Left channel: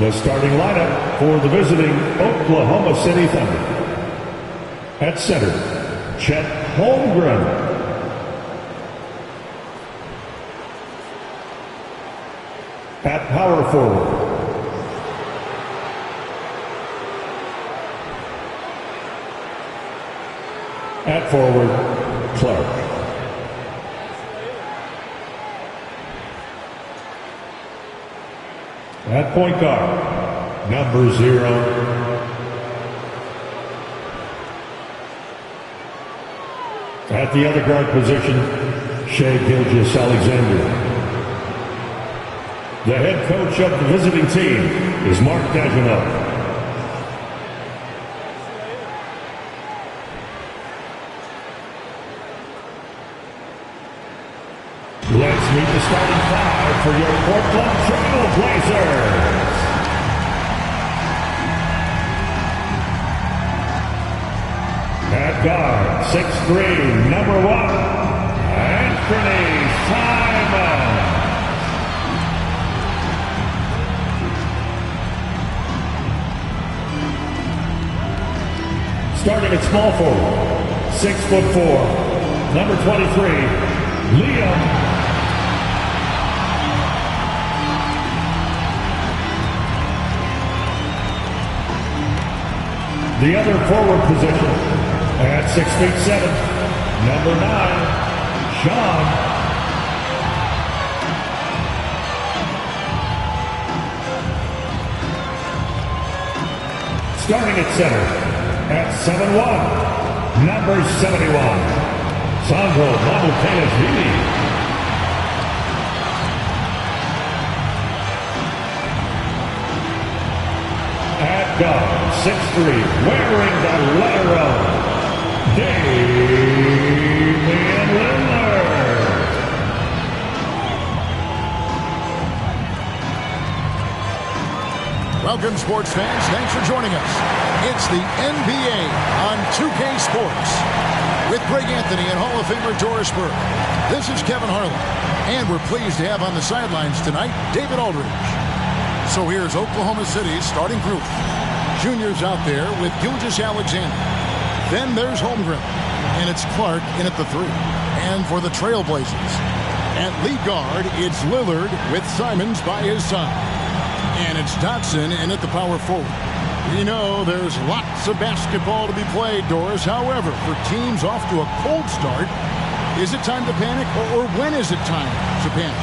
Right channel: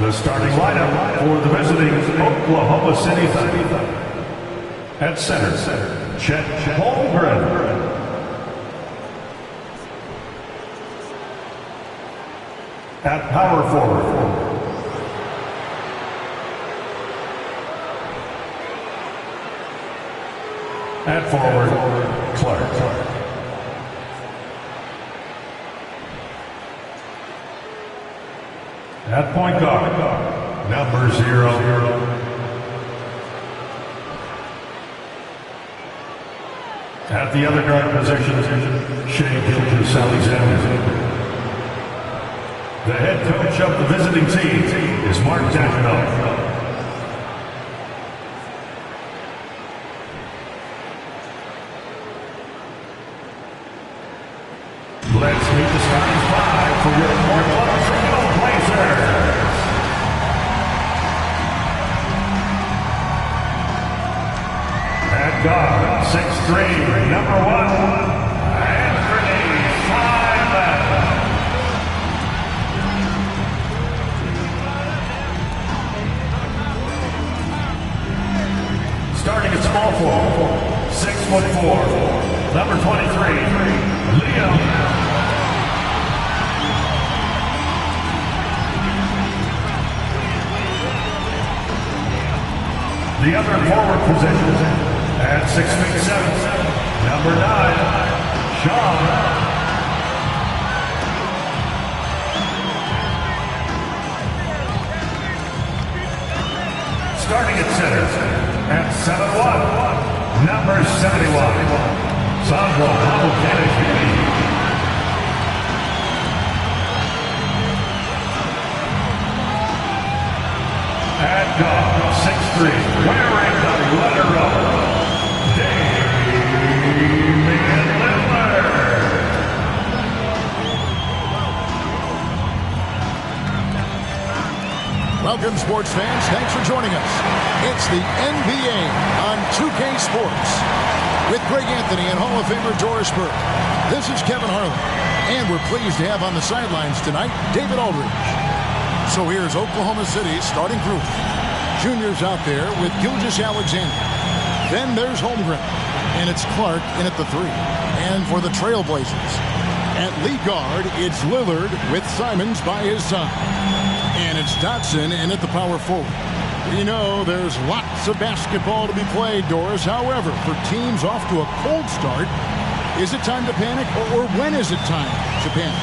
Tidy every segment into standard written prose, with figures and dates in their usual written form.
The starting lineup for the visiting Oklahoma City Thunder. At center, Chet Holmgren. At power forward, at forward, Clark. At point guard, number 0. At the other guard position, Shai Gilgeous-Alexander. The head coach of the visiting team is Mark Daigneault. Let's meet the starting 5 for your Portland Trail Blazers. At guard, 6'3", number 1, Anthony Simons. Starting at small forward, 6'4", number 23, Liam. The other forward position at 6'7", number 9, Sean. Starting at center at 7'1", number 71, Sandro Mamukelashvili. At guard, 6'3", wearing the letter O, Damian Lillard. Welcome, sports fans. Thanks for joining us. It's the NBA on 2K Sports with Greg Anthony and Hall of Famer Doris Burke. This is Kevin Harlan, and we're pleased to have on the sidelines tonight David Aldridge. So here's Oklahoma City's starting group. Juniors out there with Gilgeous-Alexander. Then there's Holmgren, and it's Clark in at the 3. And for the Trailblazers, at lead guard, it's Lillard with Simons by his side. And it's Dotson in at the power forward. We know there's lots of basketball to be played, Doris. However, for teams off to a cold start, is it time to panic, or when is it time to panic?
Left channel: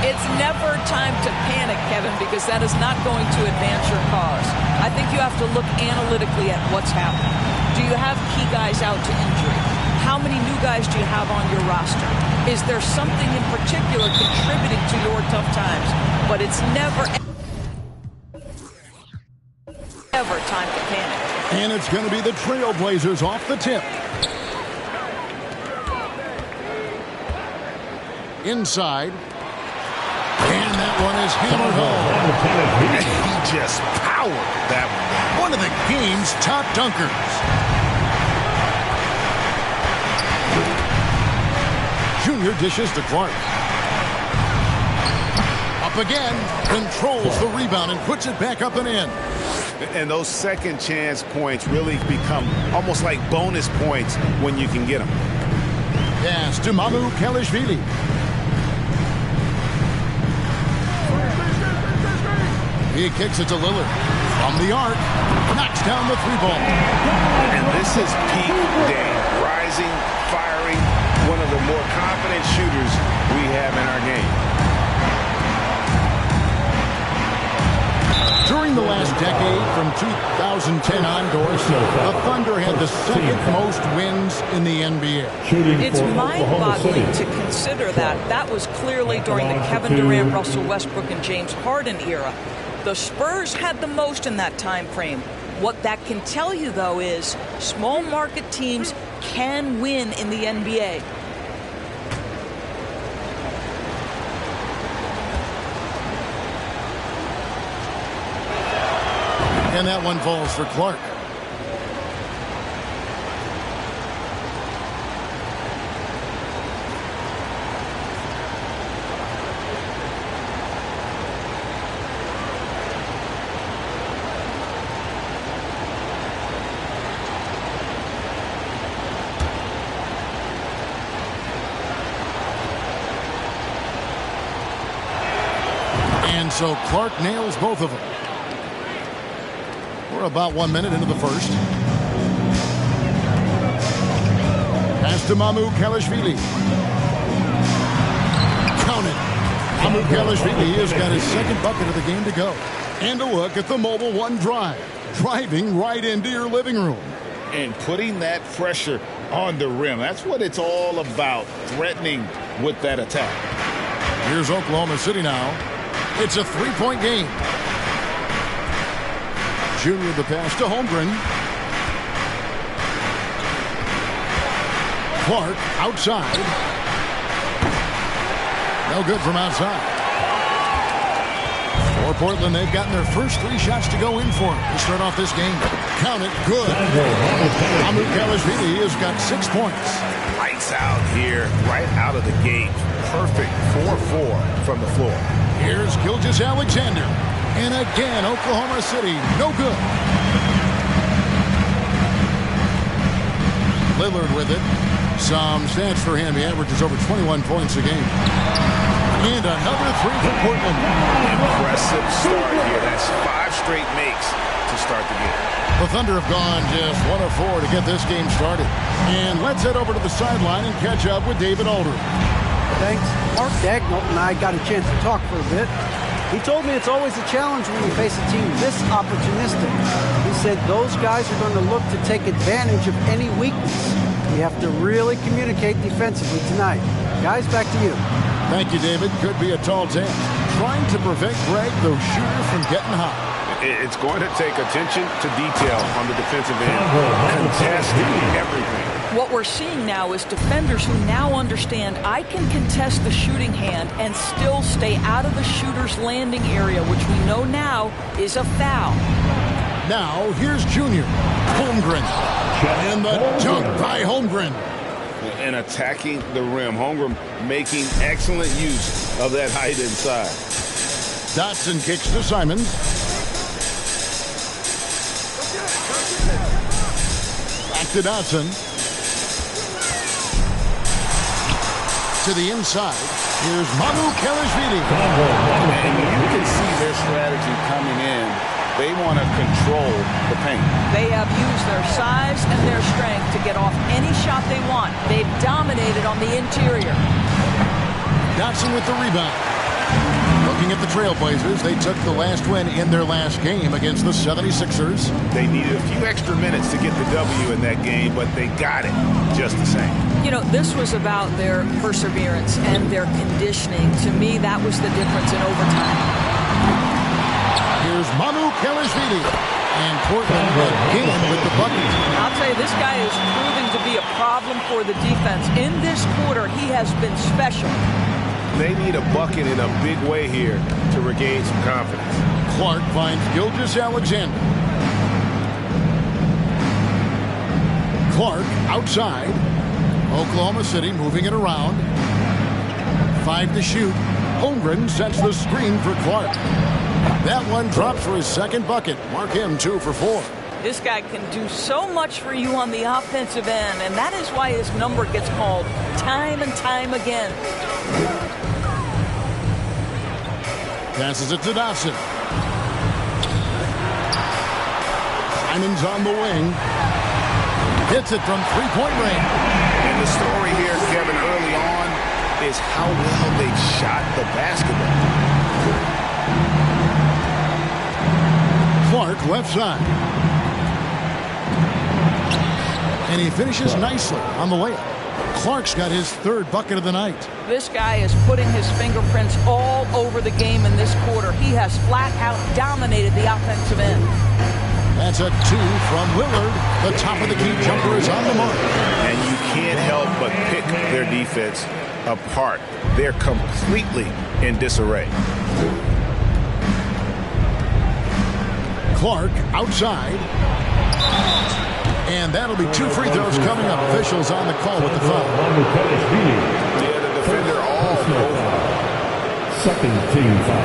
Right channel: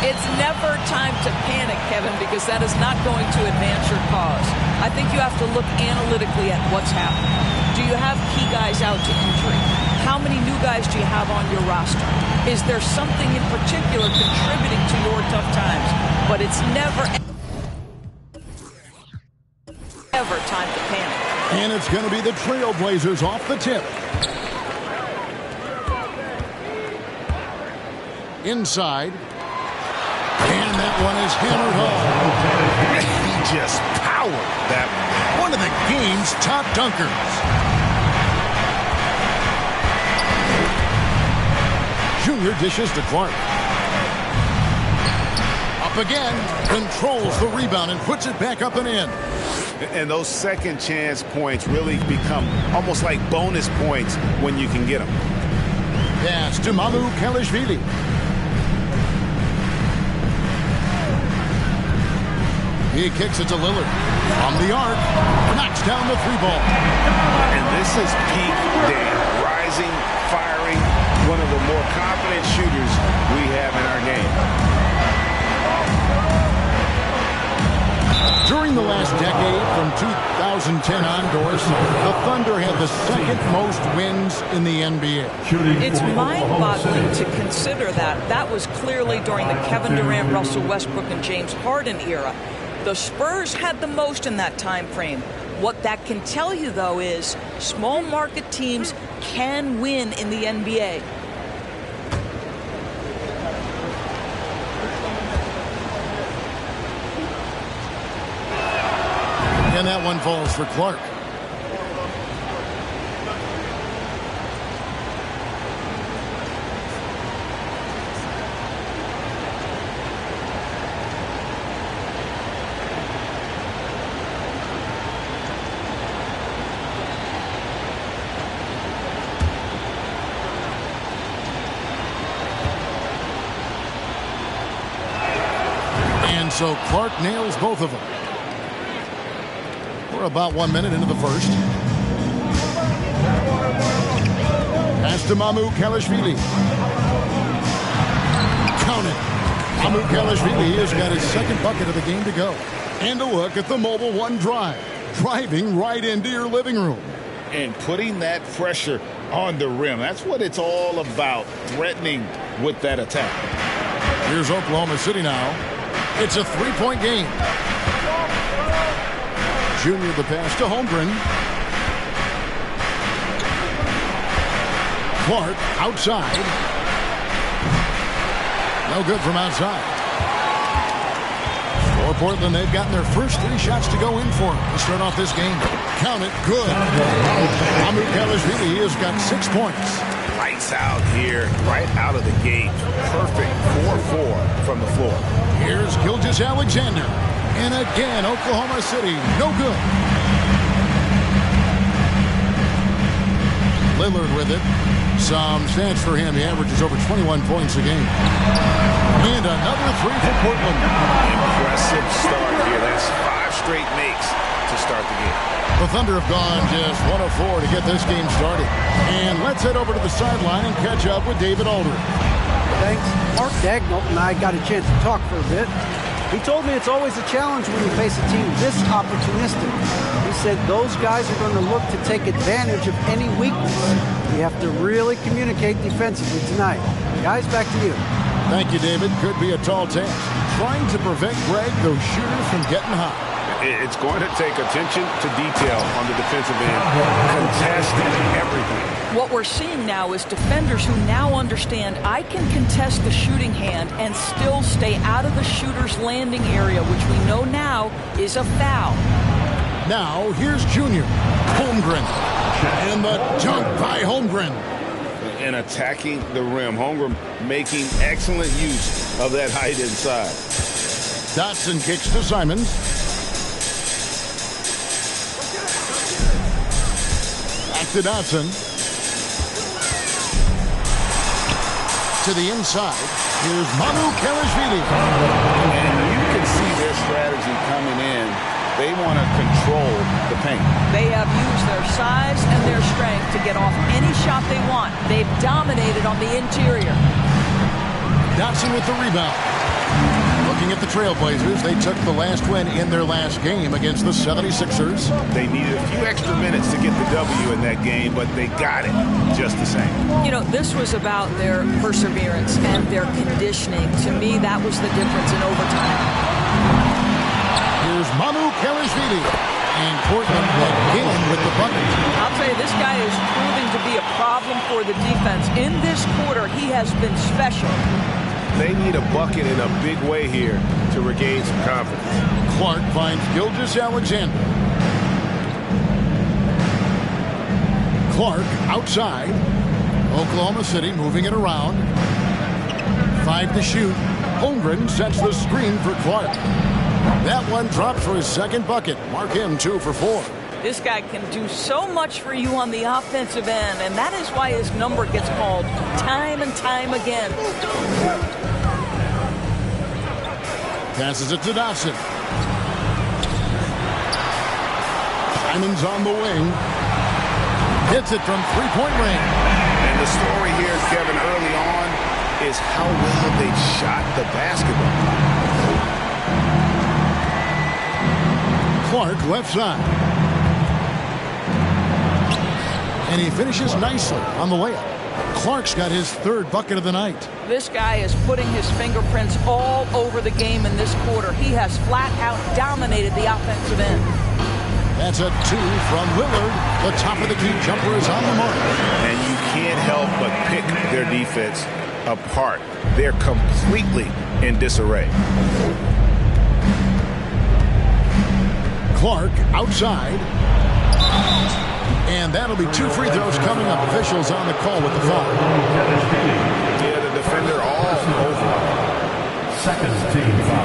It's never time to panic, Kevin, because that is not going to advance your cause. I think you have to look analytically at what's happening. Do you have key guys out to injury? How many new guys do you have on your roster? Is there something in particular contributing to your tough times? But it's never ever time to panic. And it's going to be the Trailblazers off the tip. Inside. And that one is hammered home. He just powered that one. One of the game's top dunkers. Junior dishes to Clark. Up again. Controls the rebound and puts it back up and in. And those second chance points really become almost like bonus points when you can get them. Pass to Mamukelashvili. He kicks it to Lillard. From the arc, knocks down the 3-ball. And this is peak Dame. Rising, firing, one of the more confident shooters we have in our game. During the last decade, from 2010 on, Doris, the Thunder had the second most wins in the NBA. It's mind-boggling to consider that. That was clearly during the Kevin Durant, Russell Westbrook, and James Harden era. The Spurs had the most in that time frame. What that can tell you, though, is small market teams can win in the NBA. And that one falls for Clark. And so Clark nails both of them. We're about 1 minute into the first. Pass to Mamukelashvili. Count it. Mamukelashvili has got his second bucket of the game to go. And a look at the Mobile One drive. Driving right into your living room. And putting that pressure on the rim. That's what it's all about, threatening with that attack. Here's Oklahoma City now. It's a three-point game. Junior the pass to Holmgren. Clark outside. No good from outside. For Portland, they've gotten their first 3 shots to go in for them to start off this game. Count it, good. Mamukelashvili has got 6 points. Lights out here, right out of the gate. Perfect 4-4 from the floor. Here's Gilgeous-Alexander. And again, Oklahoma City, no good. Lillard with it. Some stats for him. He averages over 21 points a game. And another 3 for Portland. Impressive start here. That's 5 straight makes to start the game. The Thunder have gone just 1 of 4 to get this game started. And let's head over to the sideline and catch up with David Aldridge. Thanks. Mark Daigneault and I got a chance to talk for a bit. He told me it's always a challenge when you face a team this opportunistic. He said those guys are going to look to take advantage of any weakness. We have to really communicate defensively tonight. Guys, back to you. Thank you, David. Could be a tall task. Trying to prevent Greg, those shooters, from getting hot. It's going to take attention to detail on the defensive end, contesting everything. What we're seeing now is defenders who now understand I can contest the shooting hand and still stay out of the shooter's landing area, which we know now is a foul. Now, here's Junior. Holmgren. And the dunk by Holmgren. And attacking the rim. Holmgren making excellent use of that height inside. Dotson kicks to Simons. Back to Dotson. To the inside. Here's Mamukelashvili. And you can see their strategy coming in. They want to control the paint. They have used their size and their strength to get off any shot they want. They've dominated on the interior. Dotson with the rebound. Looking at the Trailblazers, they took the last win in their last game against the 76ers. They needed a few extra minutes to get the W in that game, but they got it just the same. You know, this was about their perseverance and their conditioning. To me, that was the difference in overtime. Here's Mamukelashvili. And Portland again with the bucket. I'll tell you, this guy is proving to be a problem for the defense. In this quarter, he has been special. They need a bucket in a big way here to regain some confidence. Clark finds Gilgeous-Alexander. Clark outside. Oklahoma City moving it around. 5 to shoot. Holmgren sets the screen for Clark. That one drops for his second bucket. Mark him 2 for 4. This guy can do so much for you on the offensive end, and that is why his number gets called time and time again. Passes it to Dotson. Simons on the wing. Hits it from 3-point range. And the story here, Kevin, early on is how well they've shot the basketball. Clark left side. And he finishes nicely on the layup. Clark's got his 3rd bucket of the night. This guy is putting his fingerprints all over the game in this quarter. He has flat out dominated the offensive end. That's a 2 from Lillard. The top of the key jumper is on the mark. And you can't help but pick their defense apart. They're completely in disarray. Clark outside. And that'll be 2 free throws coming up. Officials on the call with the foul. Yeah, the defender all over. Second team foul.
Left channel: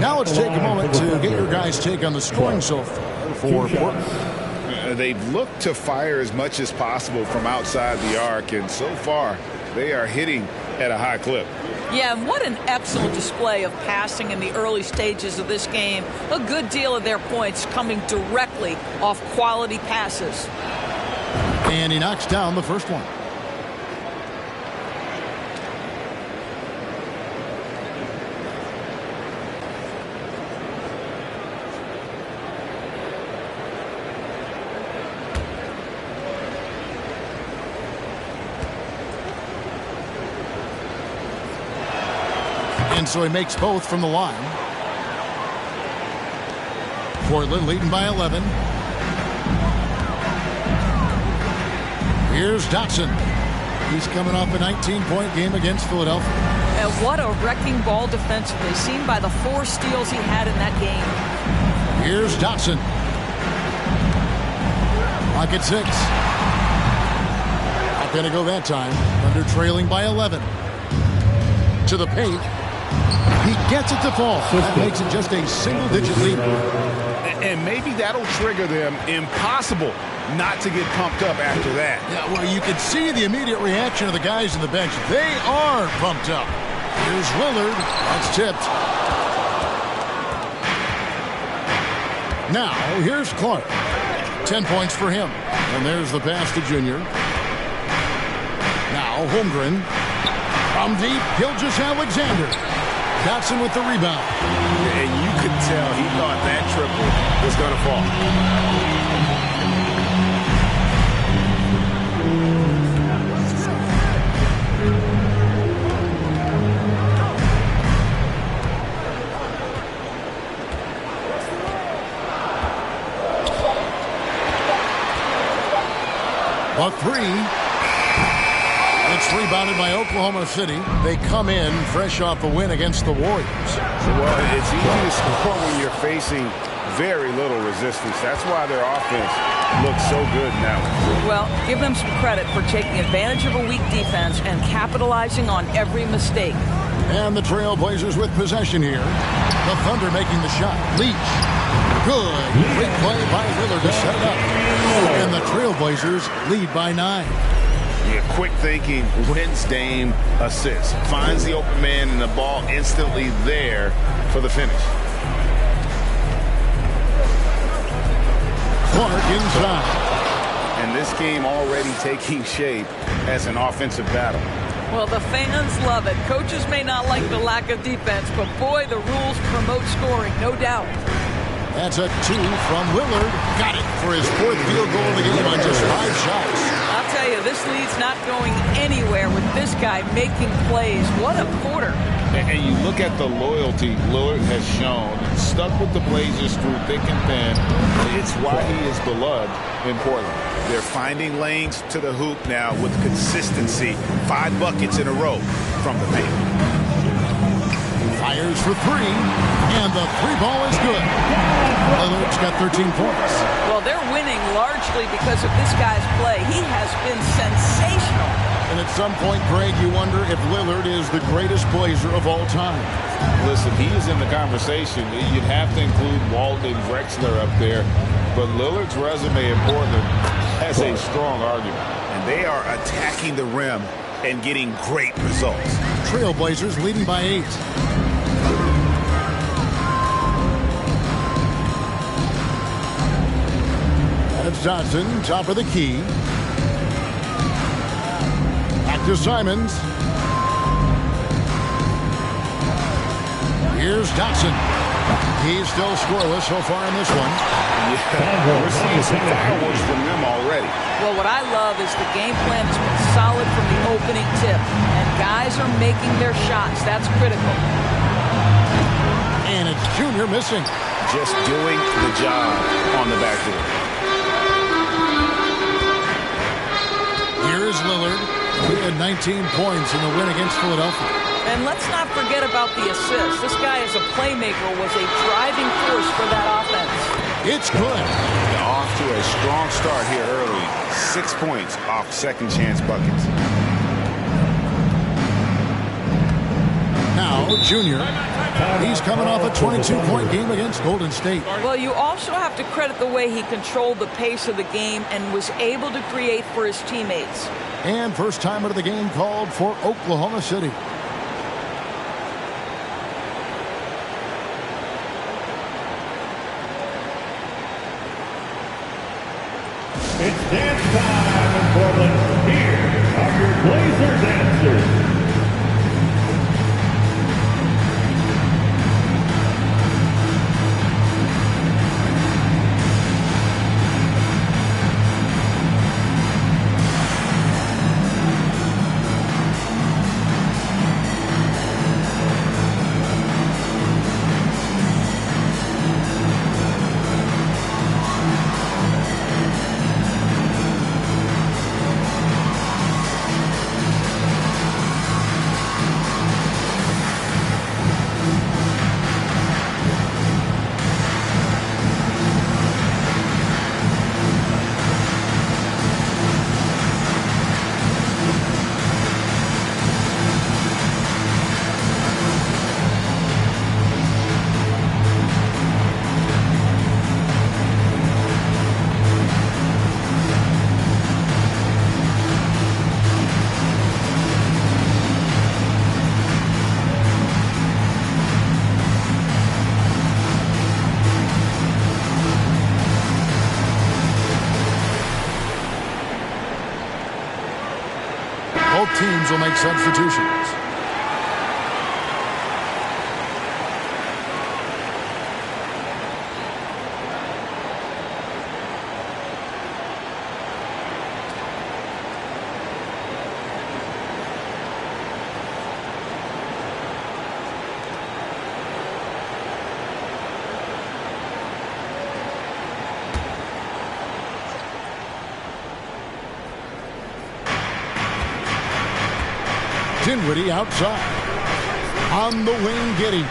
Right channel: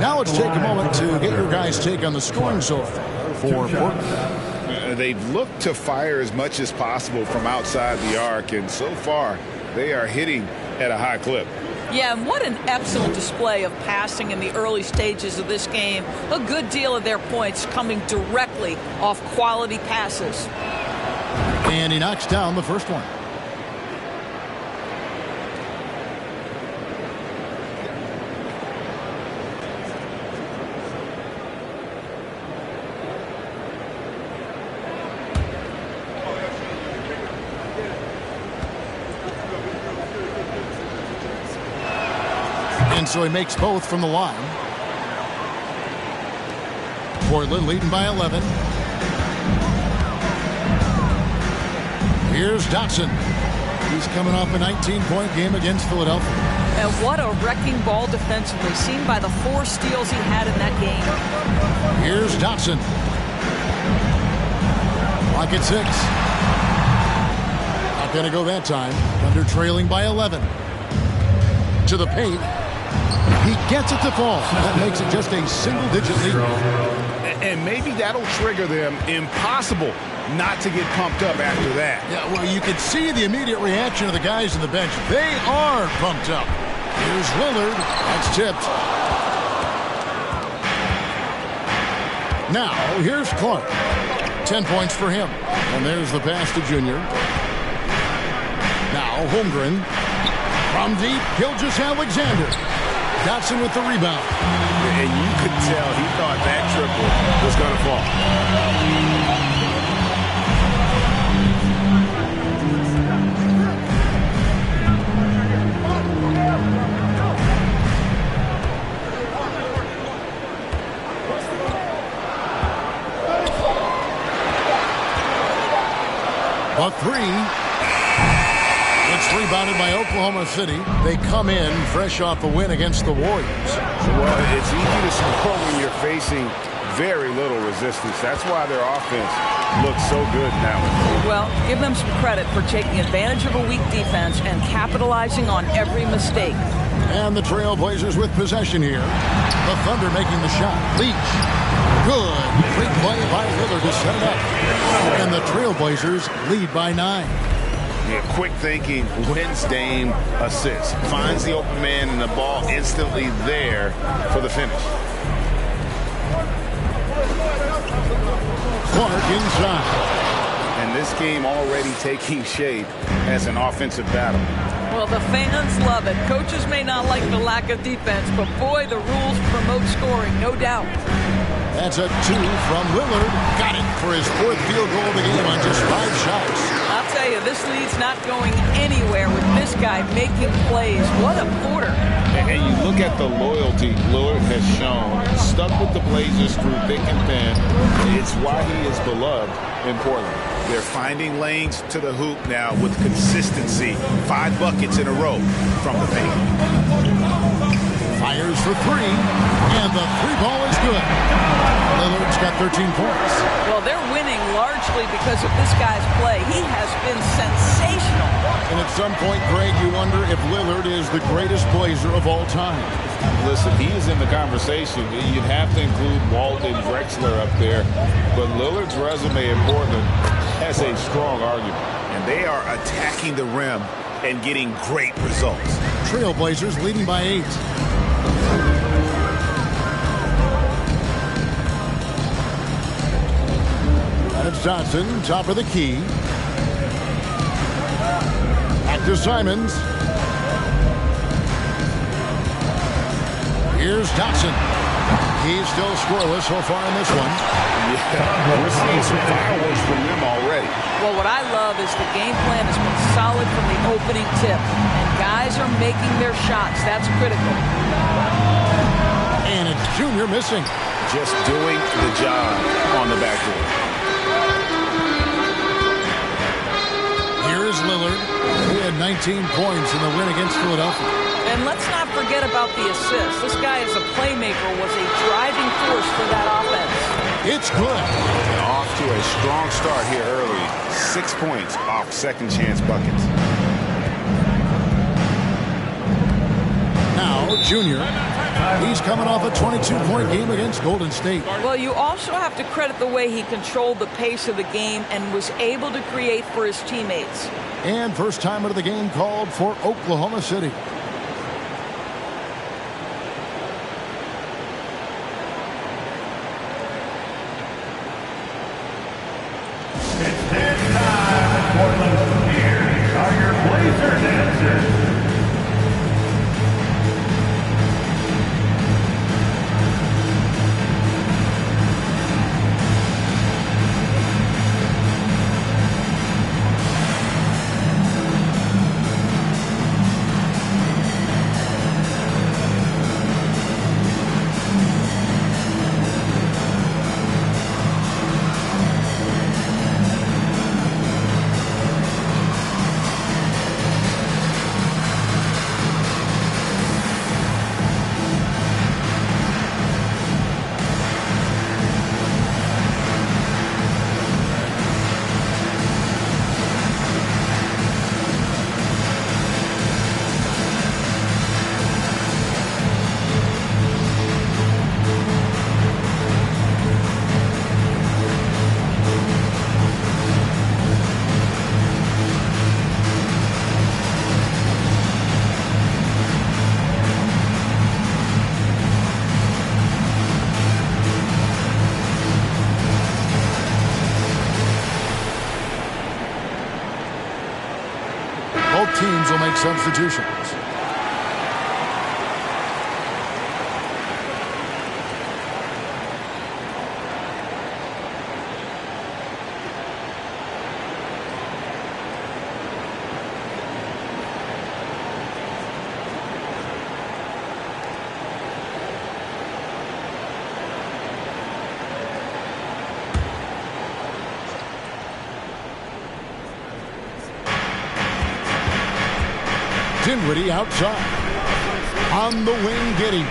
Now let's take a moment to get your guys' take on the scoring so far for Portland. They've looked to fire as much as possible from outside the arc, and so far They are hitting at a high clip. Yeah, and what an excellent display of passing in the early stages of this game. A good deal of their points coming directly off quality passes. And he knocks down the first one. And so he makes both from the line. Portland leading by 11. Here's Dotson. He's coming off a 19-point game against Philadelphia. And what a wrecking ball defensively, seen by the 4 steals he had in that game. Here's Dotson. Clock at 6. Not going to go that time. Thunder trailing by 11. To the paint. He gets it to fall. That makes it just a single-digit lead. And maybe that'll trigger them. Impossible not to get pumped up after that. Yeah, well, you can see the immediate reaction of the guys on the bench. They are pumped up. Here's Lillard. That's tipped. Now, here's Clark. 10 points for him. And there's the pass to Junior. Now, Holmgren. From deep, Gilgeous-Alexander. Dotson with the rebound. And you could tell he thought that triple was going to fall. A 3. It's rebounded by Oklahoma City. They come in fresh off a win against the Warriors. Well, it's easy to score when you're facing very little resistance. That's why their offense looks so good in that one. Well, give them some credit for taking advantage of a weak defense and capitalizing on every mistake. And the Trailblazers with possession here. The Thunder making the shot. Leach. Good. Great play by Lillard to set it up. And the Trailblazers lead by 9. Yeah, quick thinking, wins Dame, assist. Finds the open man and the ball instantly there for the finish. Clark inside. And this game already taking shape as an offensive battle. Well, the fans love it. Coaches may not like the lack of defense, but boy, the rules promote scoring, no doubt. That's a 2 from Lillard. Got it for his 4th field goal of the game on just 5 shots. I'll tell you, this lead's not going anywhere with this guy making plays. What a quarter. And you look at the loyalty Lillard has shown, stuck with the Blazers through thick and thin. It's why he is beloved in Portland. They're finding lanes to the hoop now with consistency. 5 buckets in a row from the paint. Fires for 3, and the 3-ball is good. Lillard's got 13 points. Well, they're winning largely because of this guy's play. He has been sensational. And at some point, Greg, you wonder if Lillard is the greatest Blazer of all time. Listen, he is in the conversation. You'd have to include Walt and Drexler up there. But Lillard's resume in Portland has a strong argument. And they are attacking the rim and getting great results. Trailblazers leading by 8. That's Johnson, top of the key. Back to Simons. Here's Dotson. He's still scoreless so far in this one. Yeah, we're seeing some fireworks from them already. Well, what I love is the game plan has been solid from the opening tip. And guys are making their shots. That's critical. And it's Junior missing. Just doing the job on the backdoor. Here's Lillard. He had 19 points in the win against Philadelphia. And let's not forget about the assist. This guy as a playmaker was a driving force for that offense. It's good. Off to a strong start here early. 6 points off second chance buckets. Now, Junior. He's coming off a 22-point game against Golden State. Well, you also have to credit the way he controlled the pace of the game and was able to create for his teammates. And first time out of the game called for Oklahoma City. It's dance time in Portland. Here are your Blazer dancers. Both teams will make substitutions. Dinwiddie outside. On the wing, Giddey.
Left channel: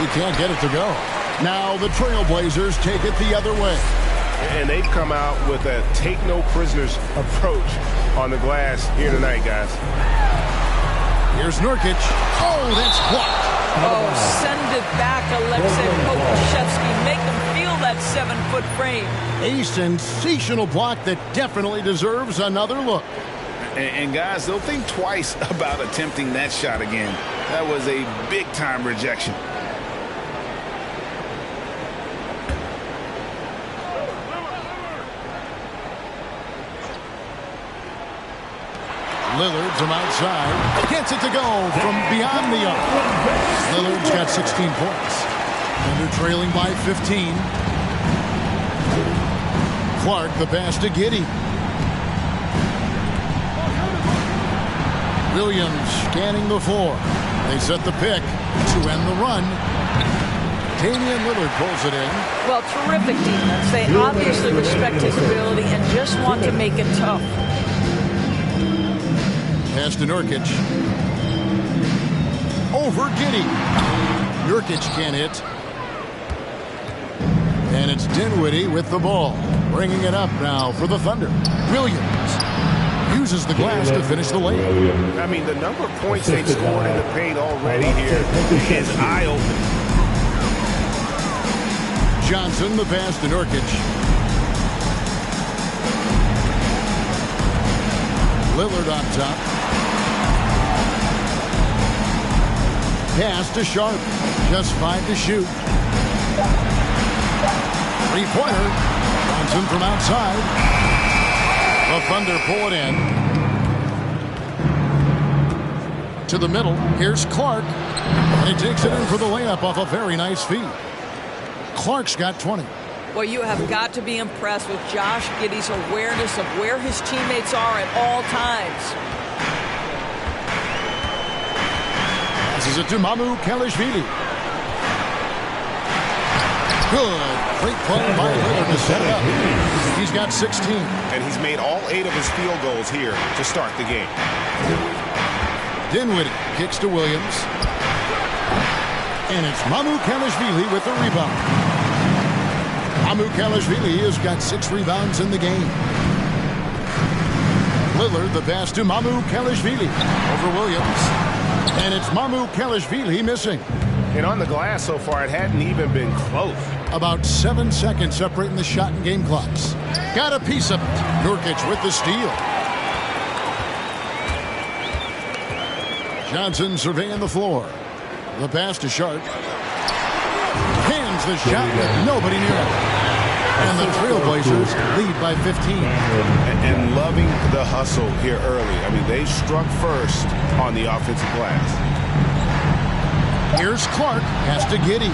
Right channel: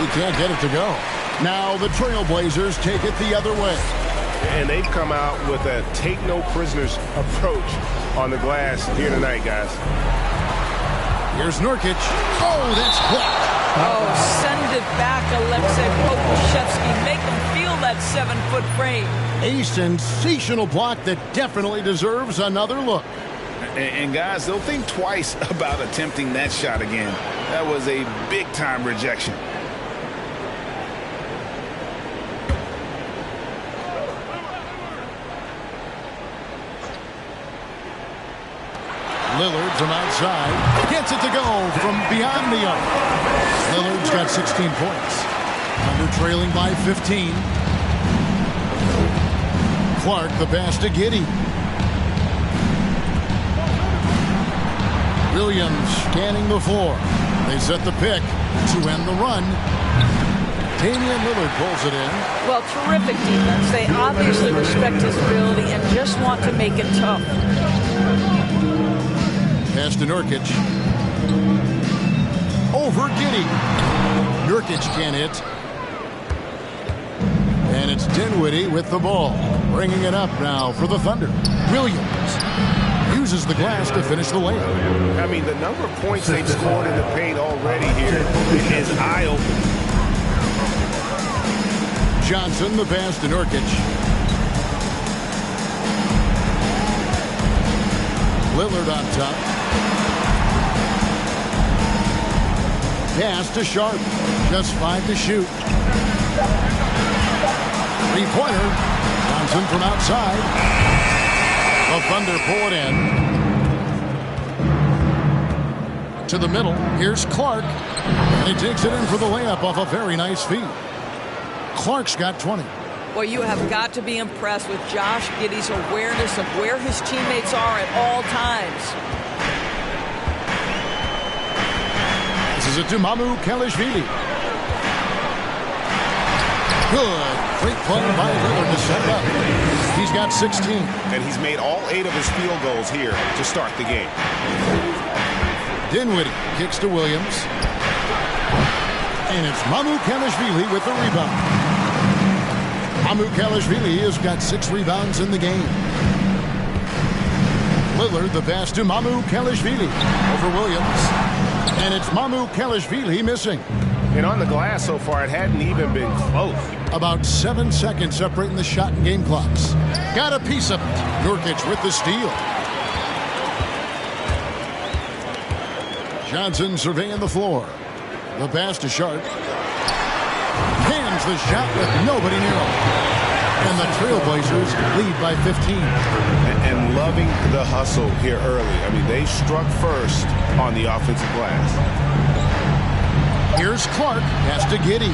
He can't get it to go. Now the Trailblazers take it the other way. And they've come out with a take-no-prisoners approach on the glass here tonight, guys. Here's Nurkic. Oh, that's blocked. Oh, send it back, Alexei Pokusevski. Make him feel that 7-foot frame. A sensational block that definitely deserves another look. And guys, they'll think twice about attempting that shot again. That was a big-time rejection. Lillard from outside gets it to go from beyond the arc. Lillard's got 16 points. Thunder trailing by 15. Clark the pass to Giddey. Williams scanning the floor. They set the pick to end the run. Damian Lillard pulls it in. Well, terrific defense. They obviously respect his ability and just want to make it tough. Pass to Nurkic. Over Giddey. Nurkic can't hit. And it's Dinwiddie with the ball. Bringing it up now for the Thunder. Williams uses the glass to finish the layup. I mean, the number of points they've scored in the paint already here is eye-opening. Johnson the pass to Nurkic. Lillard on top. Pass to Sharp. Just 5 to shoot. Three-pointer. Johnson from outside. The Thunder pull it in. To the middle. Here's Clark. And he takes it in for the layup off a very nice feed. Clark's got 20. Well, you have got to be impressed with Josh Giddey's awareness of where his teammates are at all times. Passes it to Mamu Kelishvili. Good. Great play by Lillard to set it up. He's got 16. And he's made all 8 of his field goals here to start the game. Dinwiddie kicks to Williams. And it's Mamu Kelishvili with the rebound. Mamu Kelishvili has got 6 rebounds in the game. Lillard the pass to Mamu Kelishvili over Williams. And it's Mamu Kelishvili missing. And on the glass so far, it hadn't even been close. About 7 seconds separating the shot and game clocks. Got a piece of it. Nurkic with the steal. Johnson surveying the floor. The pass to Sharp. Cans the shot with nobody near him. And the Trailblazers lead by 15. And loving the hustle here early. I mean, they struck first on the offensive glass. Here's Clark. Pass to Giddey.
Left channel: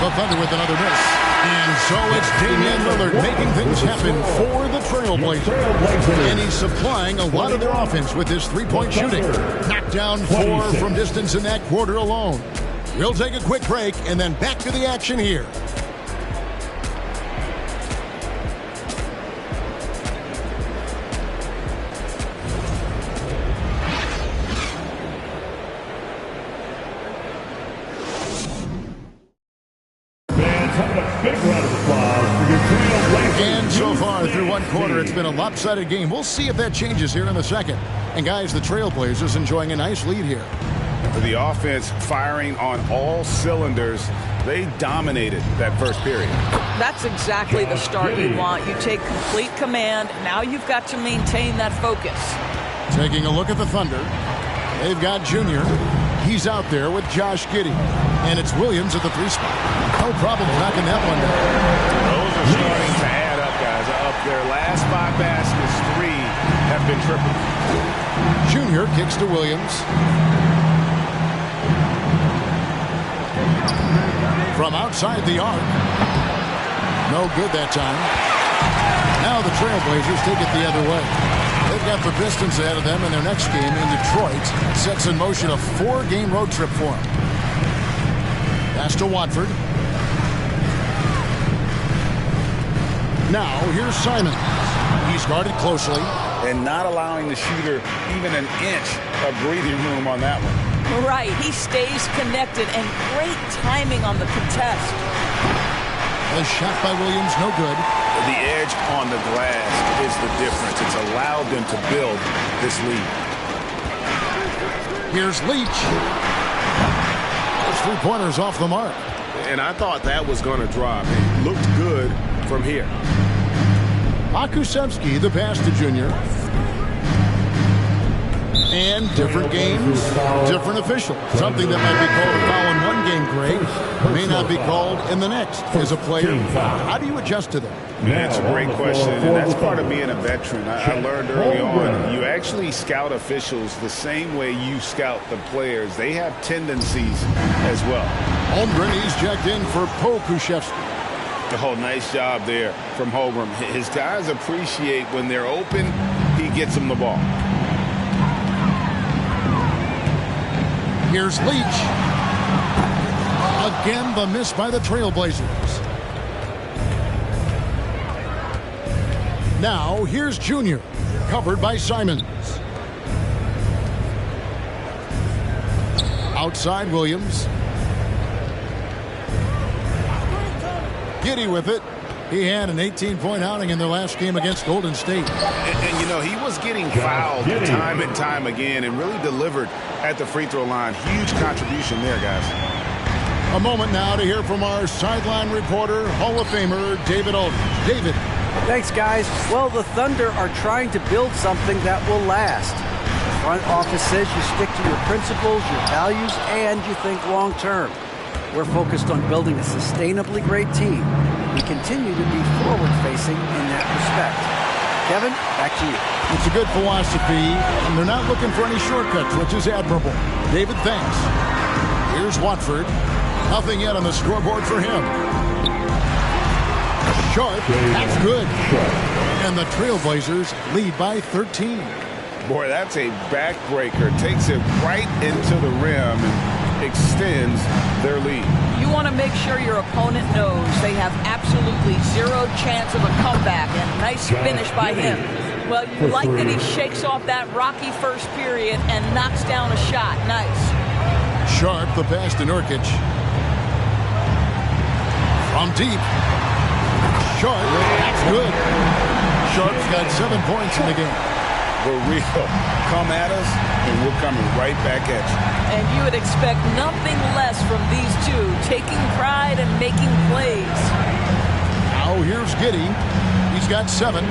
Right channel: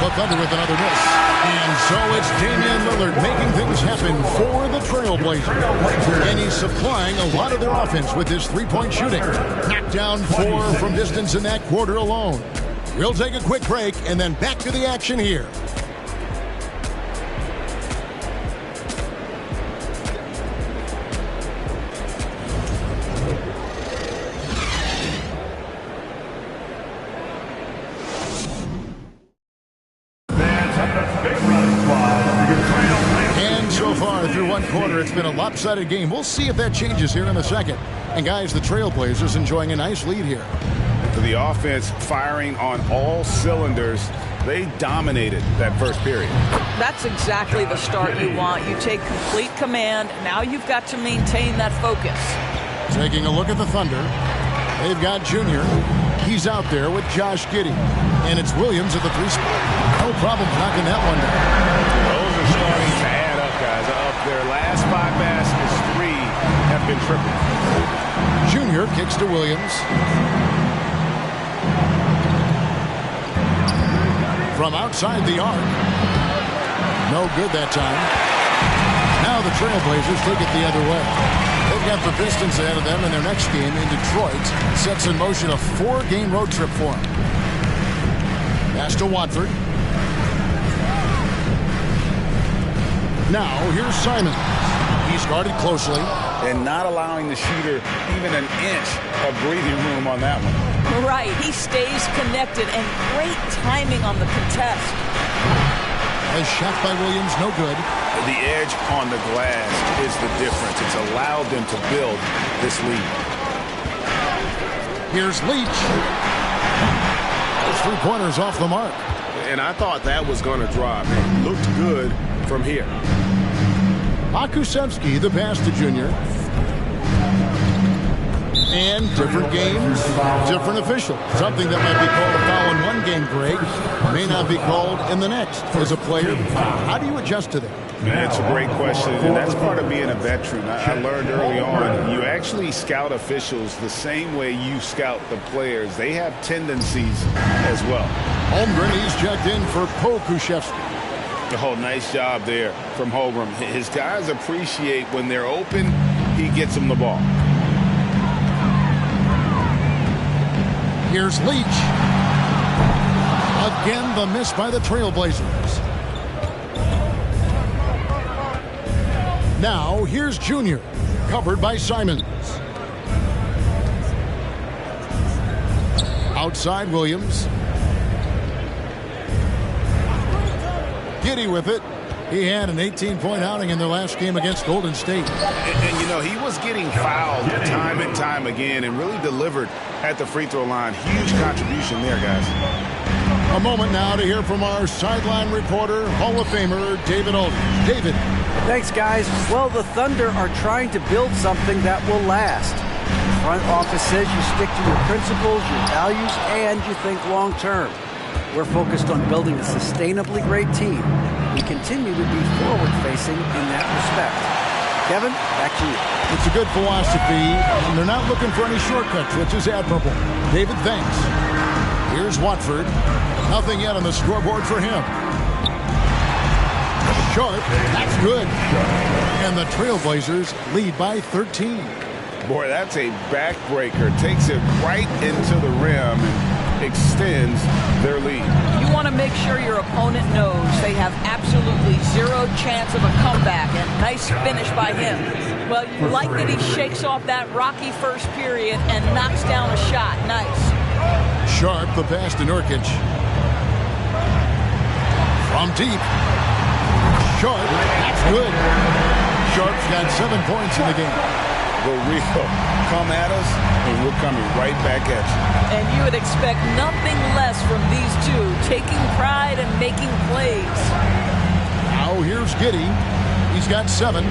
The Thunder with another miss. And so it's Damian Lillard making things happen for the Trailblazers. And he's supplying a lot of their offense with his three-point shooting. Knocked down 4 from distance in that quarter alone. We'll take a quick break and then back to the action here. And so far through one quarter, it's been a lopsided game. We'll see if that changes here in the second. And guys, the Trailblazers enjoying a nice lead here. For the offense firing on all cylinders, they dominated that first period. That's exactly the start you want. You take complete command. Now you've got to maintain that focus. Taking a look at the Thunder. They've got Junior. He's out there with Josh Giddey. And it's Williams at the 3 spot. No problem knocking that one down. Those are starting to add up, guys. Of their last 5 baskets, 3 have been triples. Junior kicks to Williams. From outside the arc. No good that time. Now the Trailblazers take it the other way. They've got the Pistons ahead of them in their next game in Detroit. Sets in motion a 4-game road trip for them. Pass to Watford. Now here's Simons. He's guarded closely. And not allowing the shooter even an inch of breathing room on that one. Right. He stays connected and great timing on the contest. The shot by Williams, no good. The edge on the glass is the difference. It's allowed them to build this lead. Here's Leach. Those 3-pointers off the mark. And I thought that was going to drop. It looked good from here. Akusevsky, the pass to Junior. And different games, different officials. Something that might be called a foul in one game, Greg, may not be called in the next. As a player, how do you adjust to that? That's a great question, and that's part of being a veteran. I learned early on, you actually scout officials the same way you scout the players. They have tendencies as well. Holmgren, he's checked in for Pokusevsky. Oh, nice job there from Holmgren. His guys appreciate when they're open, he gets them the ball. Here's Leach. Again, the miss by the Trailblazers. Now, here's Junior. Covered by Simons. Outside Williams. Giddey with it. He had an 18-point outing in their last game against Golden State. And, you know, he was getting fouled time and time again and really delivered at the free throw line. Huge contribution there, guys. A moment now to hear from our sideline reporter, Hall of Famer David Aldridge. David. Thanks, guys. Well, the Thunder are trying to build something that will last. The front office says you stick to your principles, your values, and you think long term. We're focused on building a sustainably great team. We continue to be forward-facing in that respect. Kevin, back to you. It's a good philosophy, and they're not looking for any shortcuts, which is admirable. David, thanks. Here's Watford. Nothing yet on the scoreboard for him. Sharp, that's good. And the Trailblazers lead by 13. Boy, that's a backbreaker. Takes it right into the rim and extends their lead. You want to make sure your opponent knows they have absolutely zero chance of a comeback, and nice finish by him. Well, you like that he shakes off that rocky first period and knocks down a shot. Nice. Sharp, the pass to Nurkic. From deep. Sharp, that's good. Sharp's got 7 points in the game. The real come at us and we're coming right back at you. And you would expect nothing less from these two, taking pride and making plays. Now here's Giddey. He's got 7.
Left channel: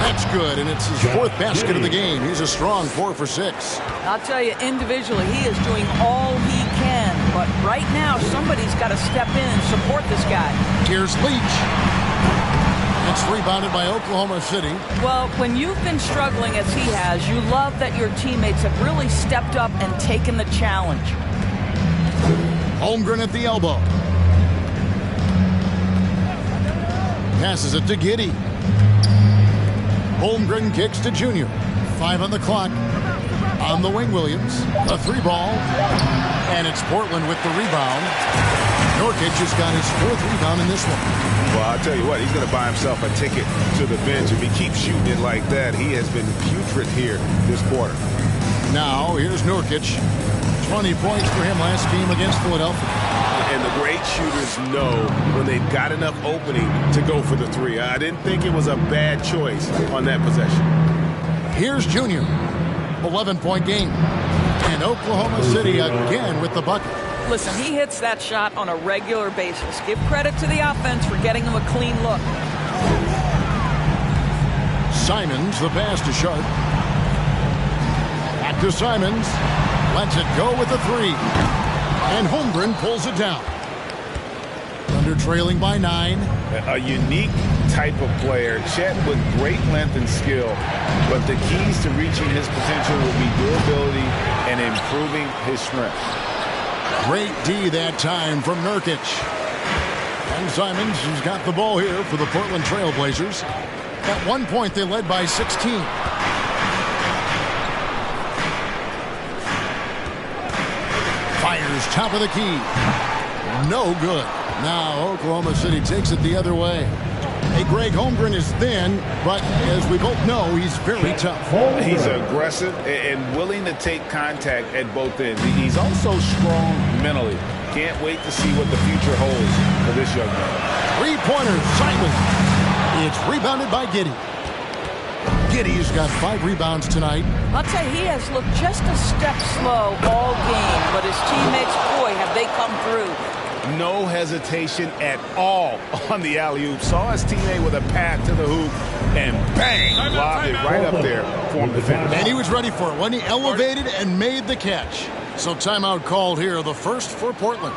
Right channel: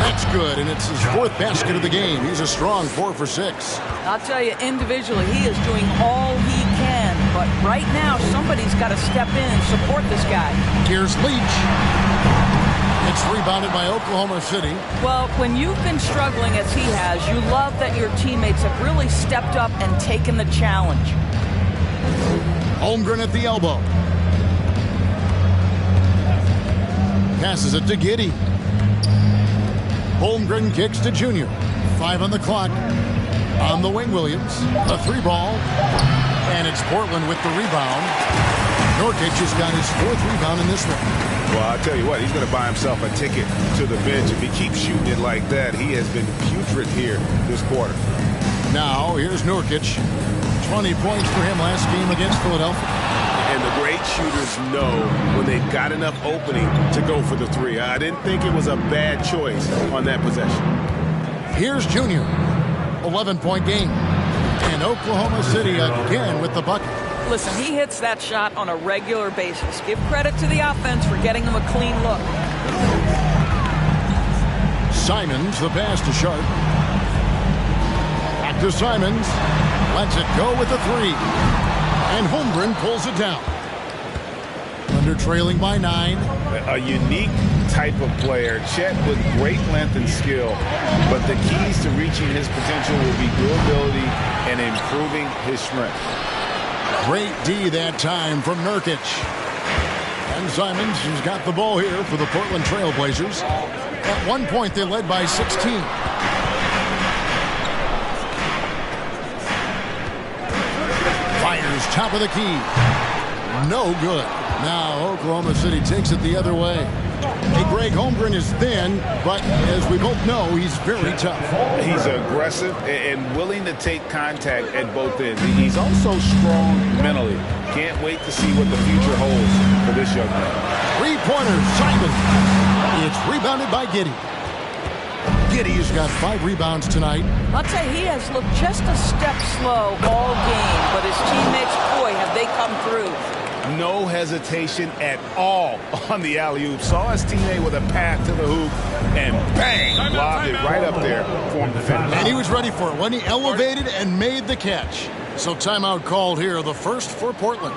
That's good, and it's his 4th basket of the game. He's a strong 4 for 6. I'll tell you, individually, he is doing all he can. But right now, somebody's got to step in and support this guy. Here's Leach. It's rebounded by Oklahoma City. Well, when you've been struggling as he has, you love that your teammates have really stepped up and taken the challenge. Holmgren at the elbow. Passes it to Giddey. Holmgren kicks to Junior. 5 on the clock. On the wing, Williams. A 3-ball. And it's Portland with the rebound. Nurkic has got his 4th rebound in this one. Well, I'll tell you what, he's going to buy himself a ticket to the bench. If he keeps shooting it like that, he has been putrid here this quarter. Now, here's Nurkic. 20 points for him last game against Philadelphia. And the great shooters know when they've got enough opening to go for the 3. I didn't think it was a bad choice on that possession. Here's Junior. 11-point game. And Oklahoma City again with the bucket. Listen, he hits that shot on a regular basis. Give credit to the offense for getting him a clean look. Simons, the pass to Sharp. Back to Simons. Lets it go with the 3. And Holmgren pulls it down. Thunder trailing by 9. A unique type of player. Chet with great length and skill. But the keys to reaching his potential will be durability and improving his strength. Great D that time from Nurkic. And Simons has got the ball here for the Portland Trail Blazers. At one point, they led by 16. Fires top of the key. No good. Now Oklahoma City takes it the other way. Hey, Greg, Holmgren is thin, but as we both know, he's very tough. He's aggressive and willing to take contact at both ends. He's also strong mentally. Can't wait to see what the future holds for this young man. 3-pointer, Simon. It's rebounded by Giddey. Giddey's got 5 rebounds tonight. I'll tell you, he has looked just a step slow all game, but his teammates, boy, have they come through. No hesitation at all on the alley-oop. Saw his teammate with a path to the hoop, and bang, lobbed it right up there for him to finish. And he was ready for it when he elevated and made the catch. So timeout called here, the first for Portland.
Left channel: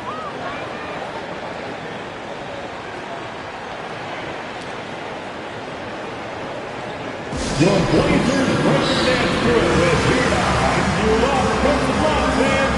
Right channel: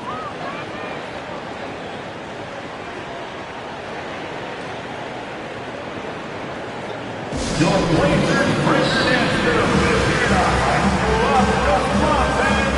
Your Blazers Brendan Nashville is here to hype you up. Come on, man.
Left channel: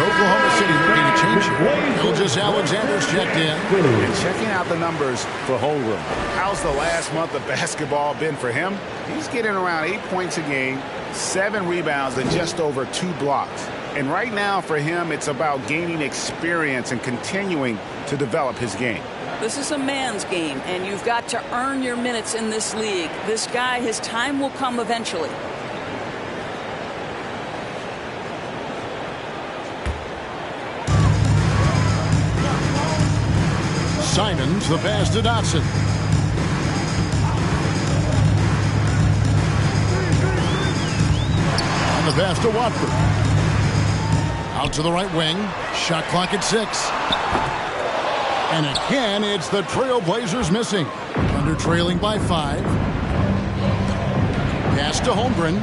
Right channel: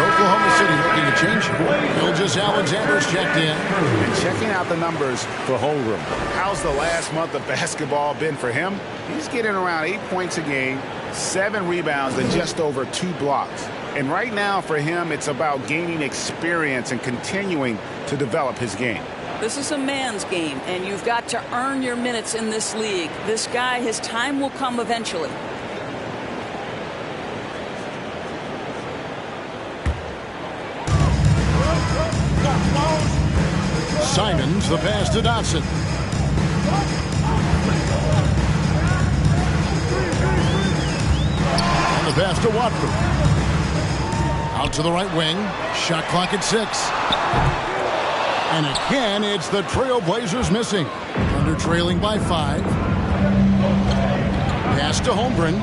Oklahoma City making a change. Gilgeous-Alexander's checked in. And checking out the numbers for Holmgren. How's the last month of basketball been for him? He's getting around 8 points a game, 7 rebounds, and just over 2 blocks. And right now for him, it's about gaining experience and continuing to develop his game. This is a man's game, and you've got to earn your minutes in this league. This guy, his time will come eventually. Simons, the pass to Dotson. And the pass to Watford. Out to the right wing. Shot clock at 6. And again, it's the Trailblazers missing. Thunder trailing by 5. Pass to Holmgren.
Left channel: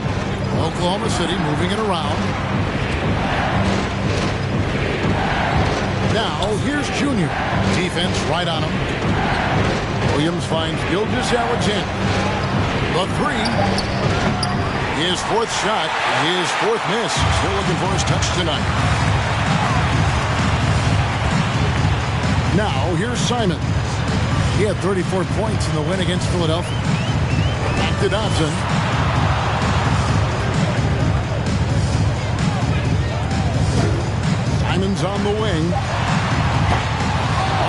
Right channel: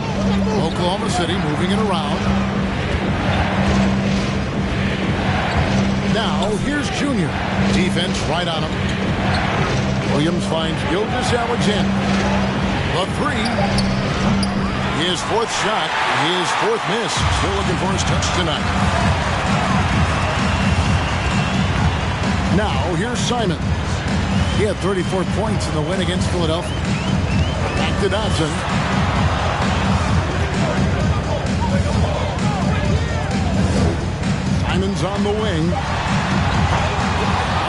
Oklahoma City moving it around. Now, here's Junior. Defense right on him. Williams finds Gilgeous-Alexander. The 3. His 4th shot, his 4th miss. Still looking for his touch tonight. Now, here's Simons. He had 34 points in the win against Philadelphia. Back to Dotson. Simons on the wing.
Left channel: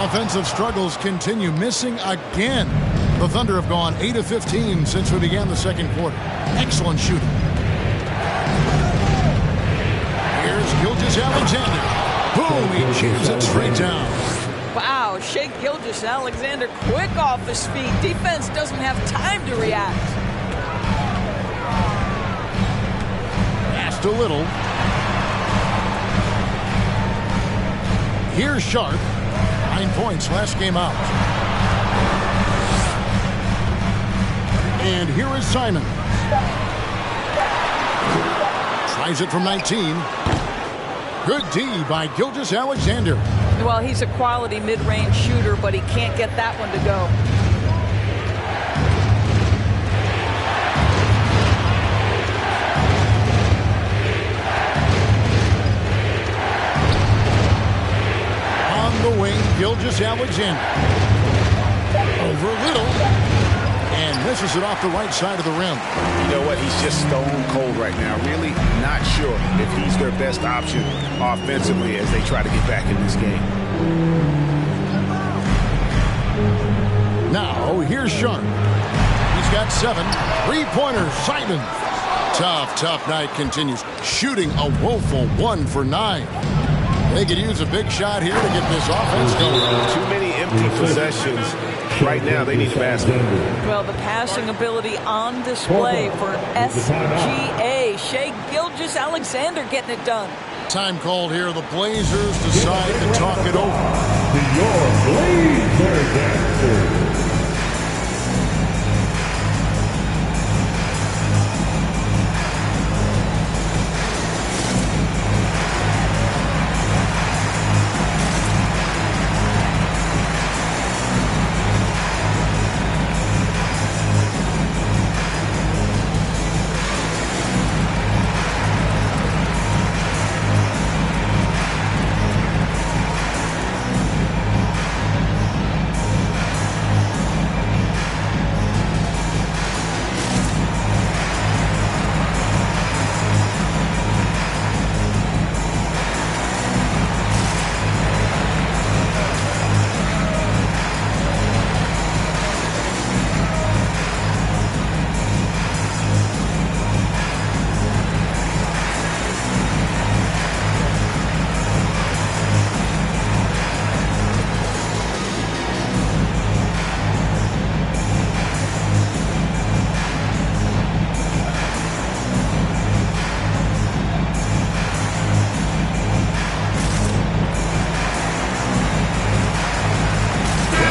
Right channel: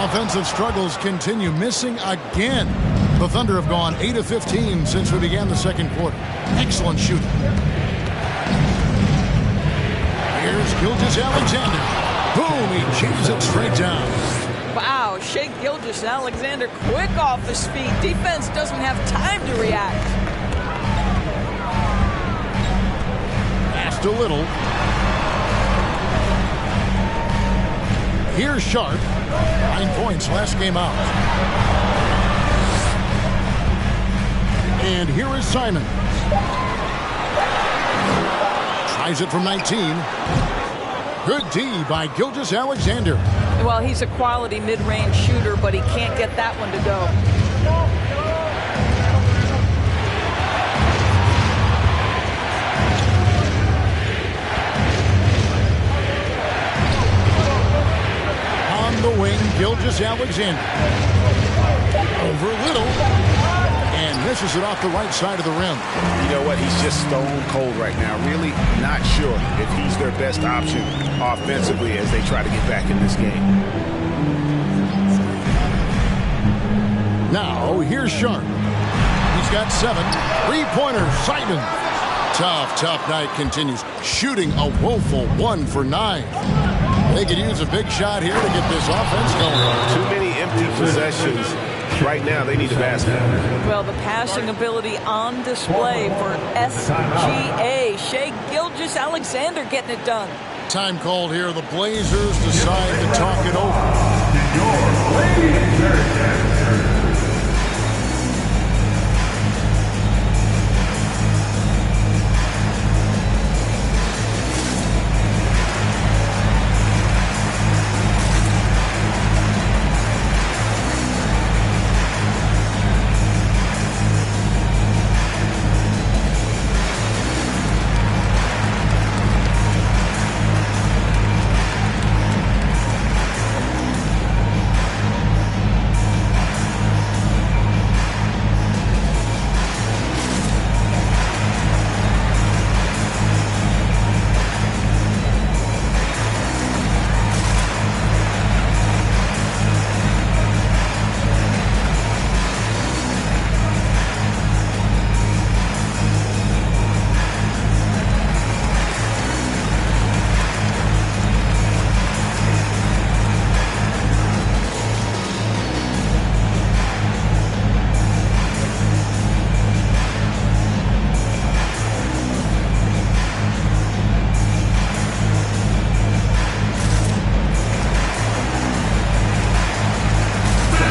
Offensive struggles continue, missing again. The Thunder have gone 8 of 15 since we began the second quarter. Excellent shooting. Here's Gilgeous-Alexander. Boom, he jams it straight down. Wow, Shai Gilgeous-Alexander quick off his feet. Defense doesn't have time to react. Pass to Little. Here's Sharp. 9 points last game out. And here is Simons. Tries it from 19. Good D by Gilgeous-Alexander. Well, he's a quality mid-range shooter, but he can't get that one to go. On the wing, Gilgeous-Alexander. Over Little. And misses it off the right side of the rim. You know what? He's just stone cold right now. Really not sure if he's their best option offensively as they try to get back in this game. Now, here's Sharp. He's got 7. 3-pointers. Simons. Tough night continues. Shooting a woeful 1 for 9. They could use a big shot here to get this offense going. Too many empty possessions. Right now, they need a basket. Well, the passing ability on display for SGA. Shai Gilgeous-Alexander getting it done. Time called here. The Blazers decide to talk it over. Your Blazer Dancers.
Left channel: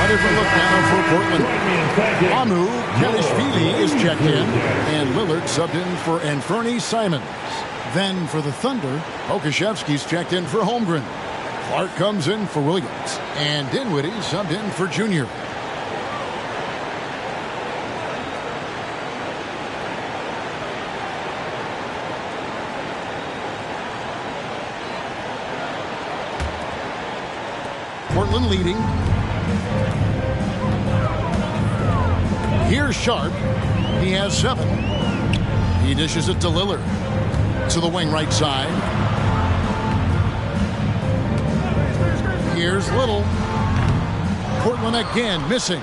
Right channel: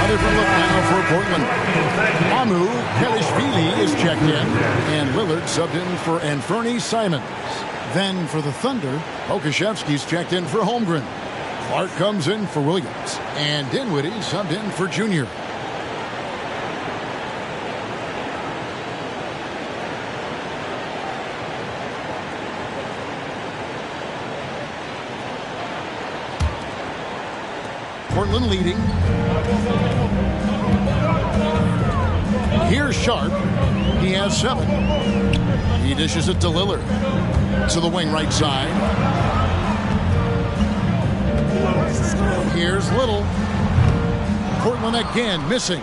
Different look now for Portland. Amu Kelishvili is checked in, and Lillard subbed in for Anfernee Simons. Then for the Thunder, Okashevsky's checked in for Holmgren. Clark comes in for Williams, and Dinwiddie subbed in for Junior. Portland leading. Here's Sharp. He has 7. He dishes it to Lillard. To the wing right side. Here's Little. Portland again missing.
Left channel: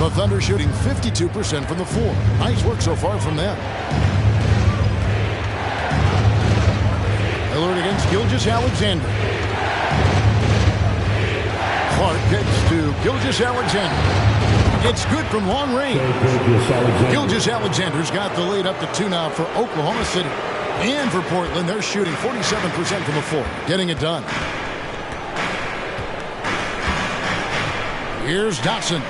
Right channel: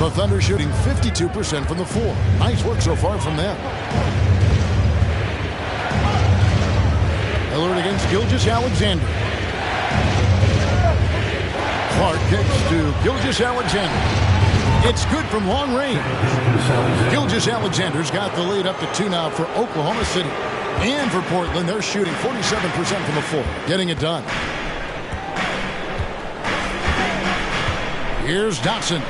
The Thunder shooting 52% from the floor. Nice work so far from them. Lillard against Gilgeous-Alexander. Clark kicks to Gilgeous-Alexander. It's good from long range. Gilgeous-Alexander's got the lead up to 2 now for Oklahoma City. And for Portland, they're shooting 47% from the floor, getting it done. Here's Dotson.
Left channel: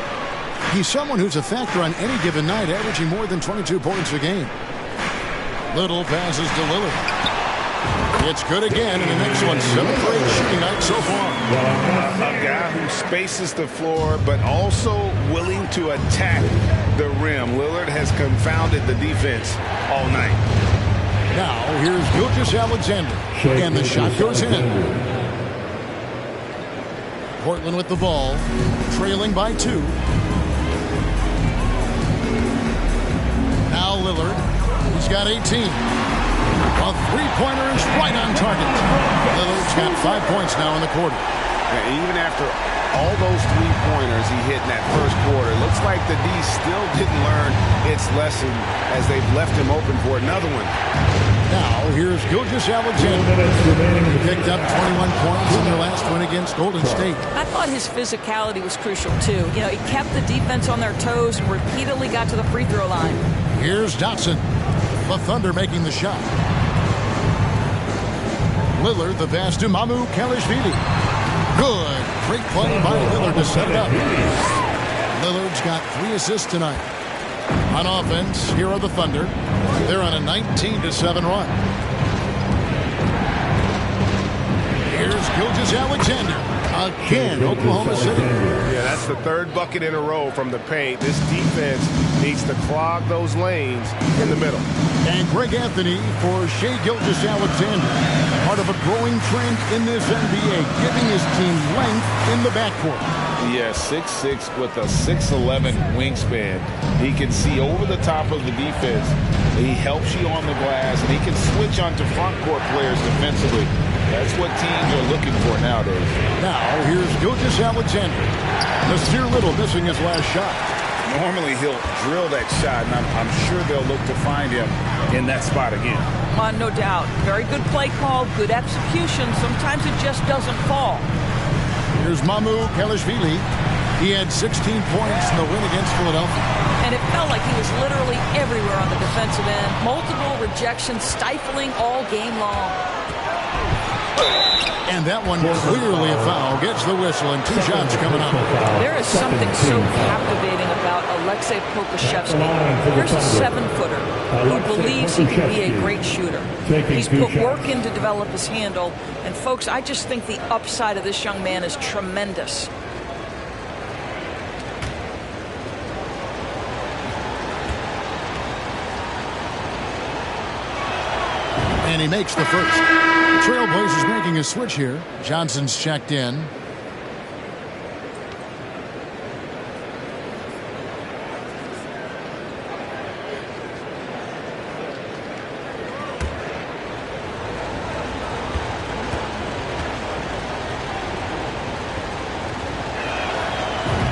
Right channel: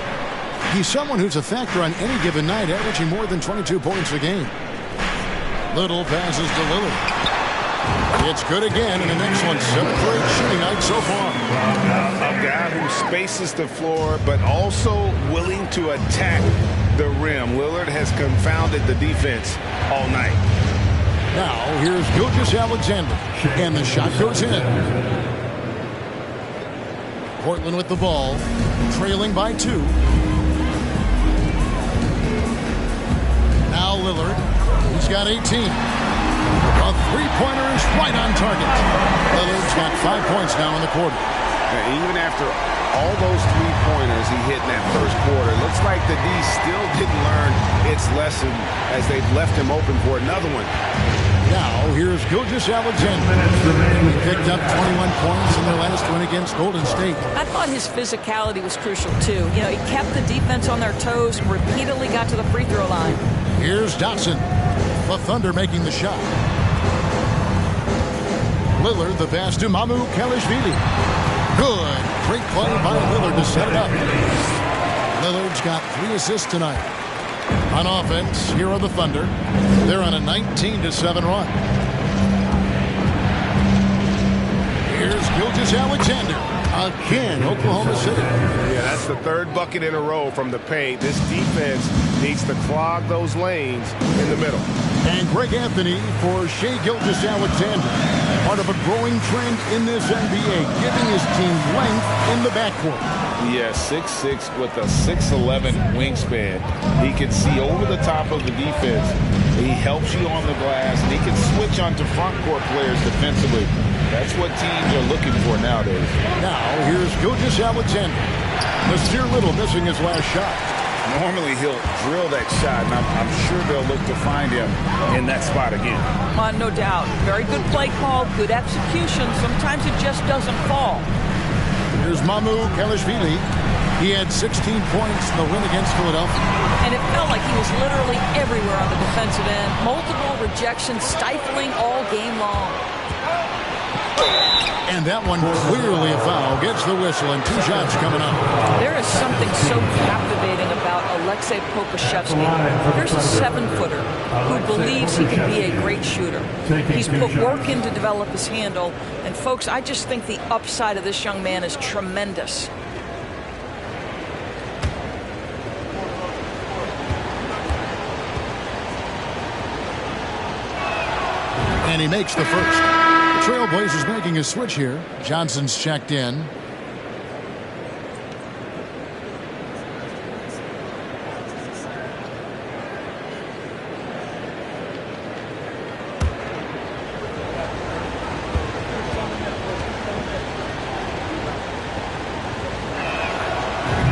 He's someone who's a factor on any given night, averaging more than 22 points a game. Little passes to Lillard. It's good again, and an excellent 7 for 8 shooting night so far. A guy who spaces the floor, but also willing to attack the rim. Lillard has confounded the defense all night. Now, here's Gilgeous-Alexander, and the shot goes in. Portland with the ball, trailing by 2. Now Lillard, he's got 18. A three-pointer is right on target. Lillard's got 5 points now in the quarter. And even after all those three-pointers he hit in that first quarter, it looks like the D still didn't learn its lesson as they've left him open for another one. Now, here's Gilgeous-Alexander. He picked up 21 points in their last win against Golden State. I thought his physicality was crucial, too. You know, he kept the defense on their toes and repeatedly got to the free throw line. Here's Dotson. The Thunder making the shot. Lillard, the pass to Mamukelashvili. Good. Great play by Lillard to set it up. Lillard's got 3 assists tonight. On offense, here are the Thunder. They're on a 19-7 run. Here's Gilgeous-Alexander. Again, Oklahoma City. Yeah, that's the 3rd bucket in a row from the paint. This defense needs to clog those lanes in the middle. And Greg Anthony for Shai Gilgeous-Alexander. Part of a growing trend in this NBA, giving his team length in the backcourt. Yeah, 6'6" with a 6'11" wingspan. He can see over the top of the defense. He helps you on the glass, and he can switch onto front court players defensively. That's what teams are looking for nowadays. Now, here's Gilgeous-Alexander. Nasir Little missing his last shot. Normally, he'll drill that shot, and I'm sure they'll look to find him in that spot again. No doubt. Very good play call, good execution. Sometimes it just doesn't fall. Here's Mamukelashvili. He had 16 points in the win against Philadelphia. And it felt like he was literally everywhere on the defensive end. Multiple rejections, stifling all game long. And that one clearly a foul. Gets the whistle, and 2 shots coming up. There is something so captivating about Aleksej Pokusevski. Here's a 7-footer who believes he can be a great shooter. He's put work in to develop his handle. And, folks, I just think the upside of this young man is tremendous. And he makes the first. The Trailblazers making a switch here. Johnson's checked in.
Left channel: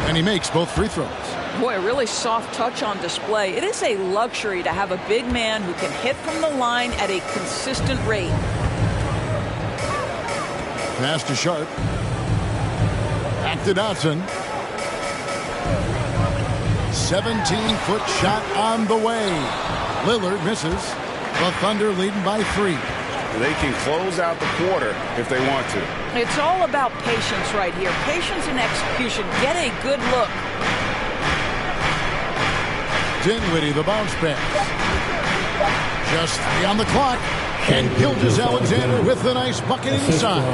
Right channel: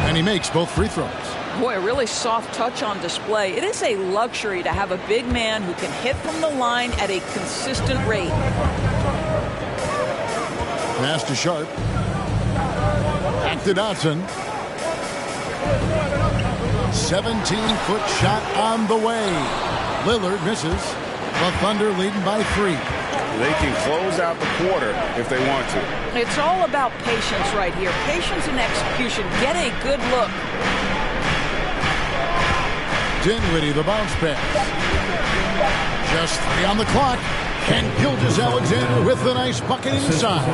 And he makes both free throws. Boy, a really soft touch on display. It is a luxury to have a big man who can hit from the line at a consistent rate. Pass to Sharp. Back to Dotson. 17-foot shot on the way. Lillard misses. The Thunder leading by 3. They can close out the quarter if they want to. It's all about patience right here. Patience and execution. Get a good look. Dinwiddie, the bounce pass. Just 3 on the clock. And Gilgeous-Alexander with the nice bucket inside.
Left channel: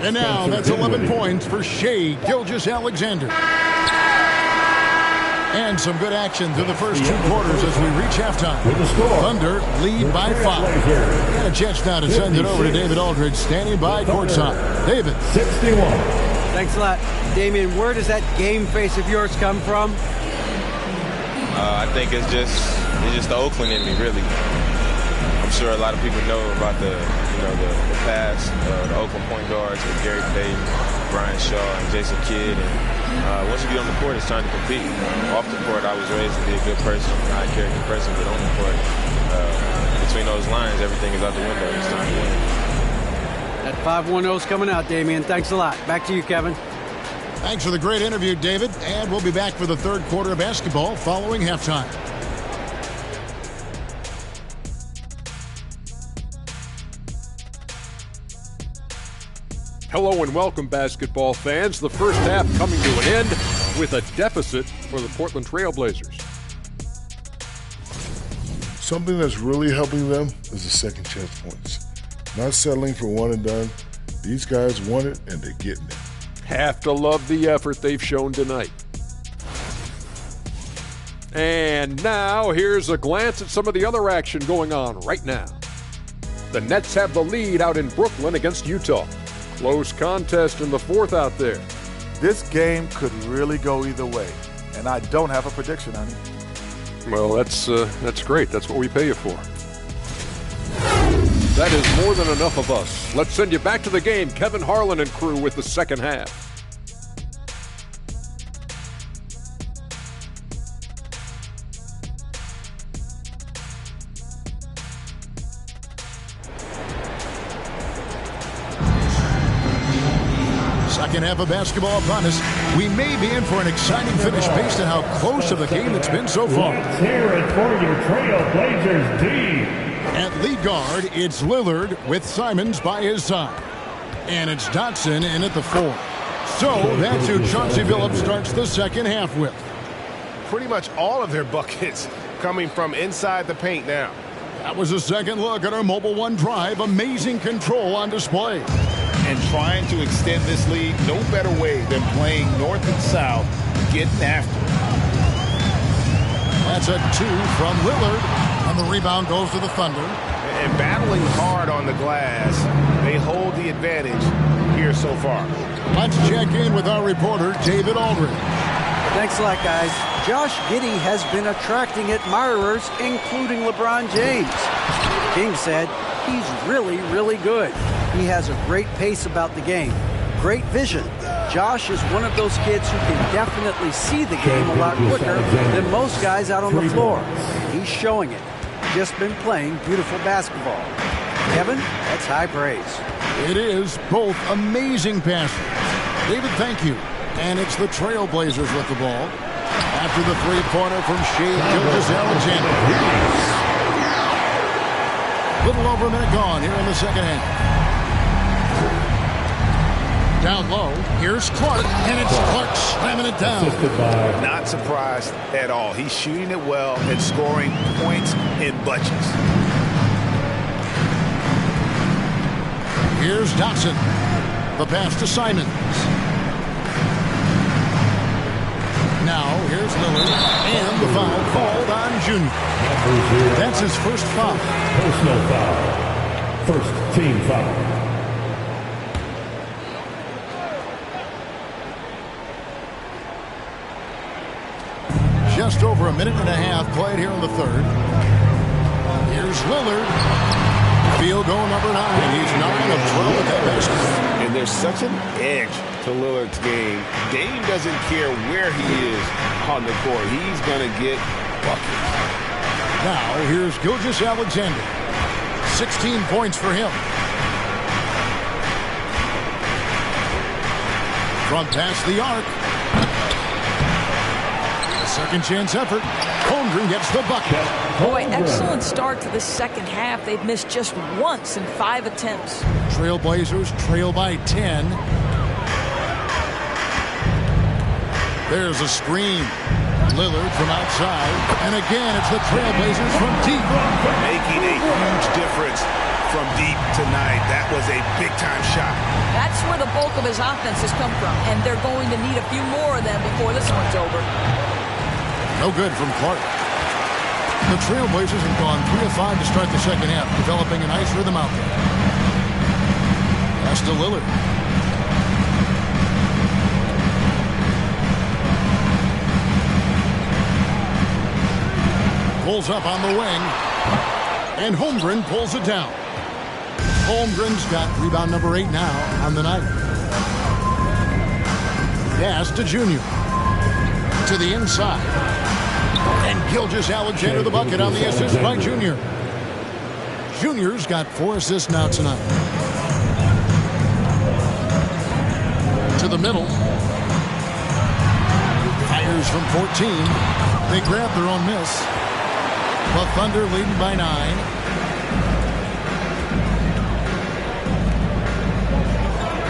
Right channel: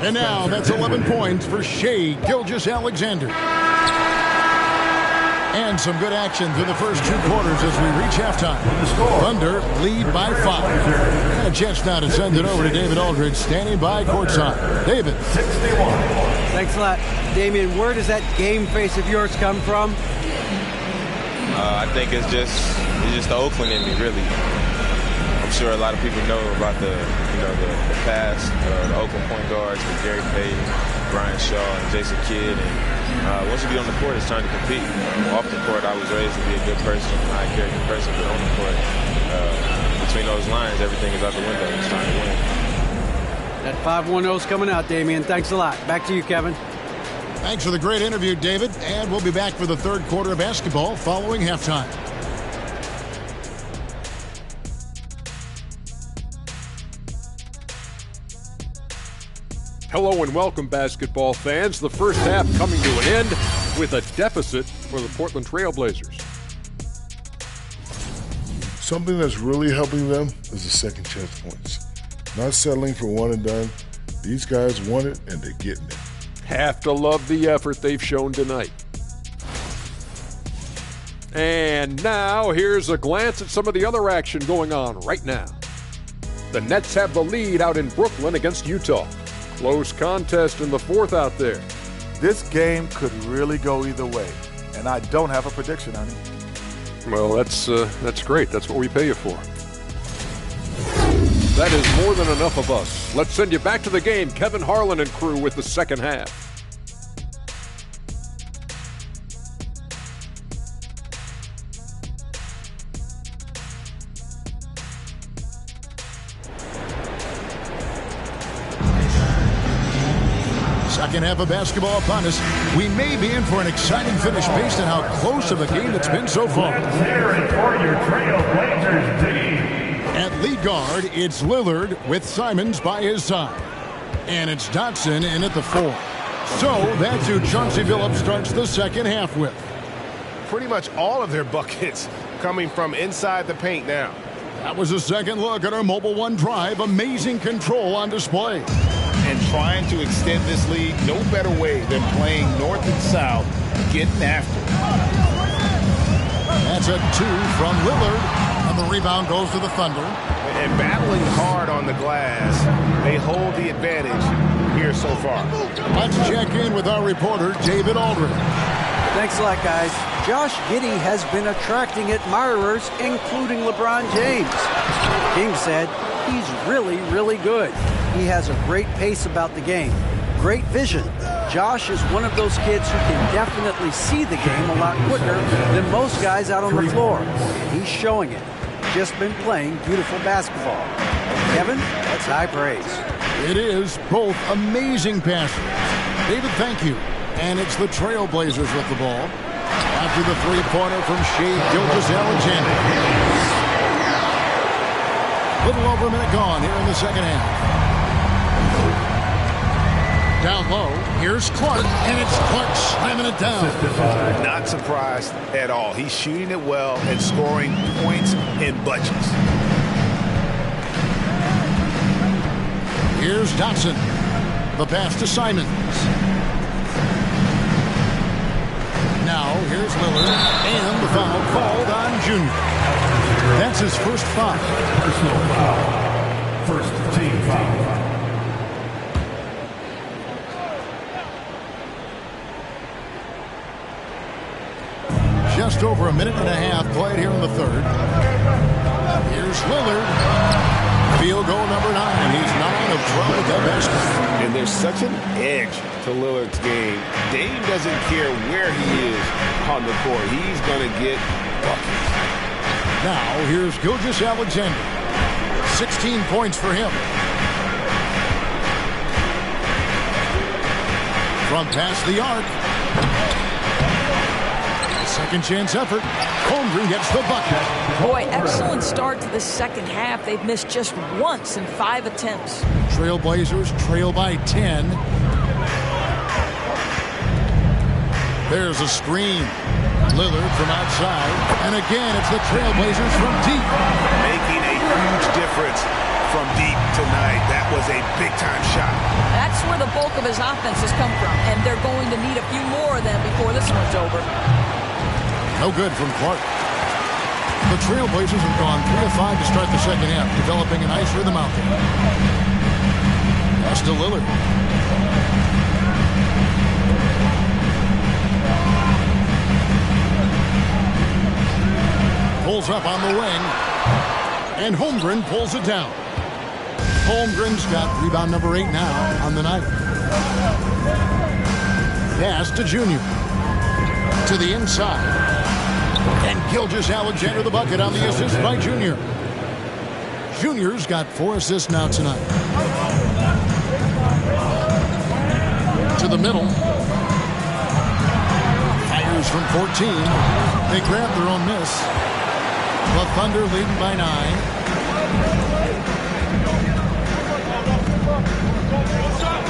And now that's 11 points for Shai Gilgeous-Alexander. And some good action through the first 2 quarters as we reach halftime. Thunder lead by 5. And a chance now to send it over to David Aldridge, standing by courtside. David. 61. Thanks a lot, Damian. Where does that game face of yours come from? I think it's just the Oakland in me, really. I'm sure a lot of people know about the past, the Oakland point guards with Gary Payton, Brian Shaw, and Jason Kidd. And once you get on the court, it's time to compete. Off the court, I was raised to be a good person, a high-character person, but on the court, between those lines, everything is out the window. It's time to win. That 5-1-0 is coming out, Damian. Thanks a lot. Back to you, Kevin. Thanks for the great interview, David. And we'll be back for the 3rd quarter of basketball following halftime. Hello and welcome, basketball fans. The first half coming to an end with a deficit for the Portland Trail Blazers. Something that's really helping them is the second chance points. Not settling for one and done. These guys want it, and they're getting it. Have to love the effort they've shown tonight. And now here's a glance at some of the other action going on right now. The Nets have the lead out in Brooklyn against Utah. Close contest in the fourth out there. This game could really go either way, and I don't have a prediction on it. Well, that's great. That's what we pay you for. That is more than enough of us. Let's send you back to the game. Kevin Harlan and crew with the second half. Second half of basketball upon us. We may be in for an exciting finish based on how close of a game it's been so far. Let's hear it for your Trail Blazers D. At lead guard, it's Lillard with Simons by his side. And it's Dotson in at the 4. So that's who Chauncey Billups starts the second half with. Pretty much all of their buckets coming from inside the paint now. That was a second look at our Mobile One drive. Amazing control on display. And trying to extend this lead, no better way than playing north and south, getting after it. That's a 2 from Lillard. And the rebound goes to the Thunder. And battling hard on the glass, they hold the advantage here so far. Let's check in with our reporter, David Aldridge. Thanks a lot, guys. Josh Giddey has been attracting admirers, including LeBron James. King said he's really, really good. He has a great pace about the game, great vision. Josh is one of those kids who can definitely see the game a lot quicker than most guys out on the floor. And he's showing it. Just been playing beautiful basketball. Kevin, that's high praise. It is. Both amazing passes. David, thank you. And it's the Trailblazers with the ball. After the three-pointer from Shai Gilgeous-Alexander. Little over a minute gone here in the second half. Down low, here's Clark, and it's Clark slamming it down. Not surprised at all. He's shooting it well and scoring points in bunches. Here's Dotson. The pass to Simons. Now, here's Lillard, and the foul called on Junior. That's his first foul. Personal foul. First team foul. Just over a minute and a half played here in the third. Here's Lillard. Field goal number 9. He's 9 of 12 with that basket. And there's such an edge to Lillard's game. Dame doesn't care where he is on the court. He's going to get buckets. Now, here's Gilgeous-Alexander. 16 points for him. From past the arc. Second chance effort. Holmgren gets the bucket. Boy, excellent start to the second half. They've missed just once in 5 attempts. Trailblazers trail by 10. There's a screen. Lillard from outside. And again, it's the Trailblazers from deep. Making a huge difference from deep tonight. That was a big-time shot. That's where the bulk of his offense has come from, and they're going to need a few more of them before this one's over. No good from Clark. The Trailblazers have gone 3 of 5 to start the second half, developing a nice rhythm out there. Pass to Lillard. Pulls up on the wing. And Holmgren pulls it down. Holmgren's got rebound number 8 now on the night. Pass to Junior. To the inside. And Gilgeous-Alexander the bucket on the assist by Junior. Junior's got 4 assists now tonight. To the middle. Fires from 14. They grab their own miss. The Thunder leading by 9.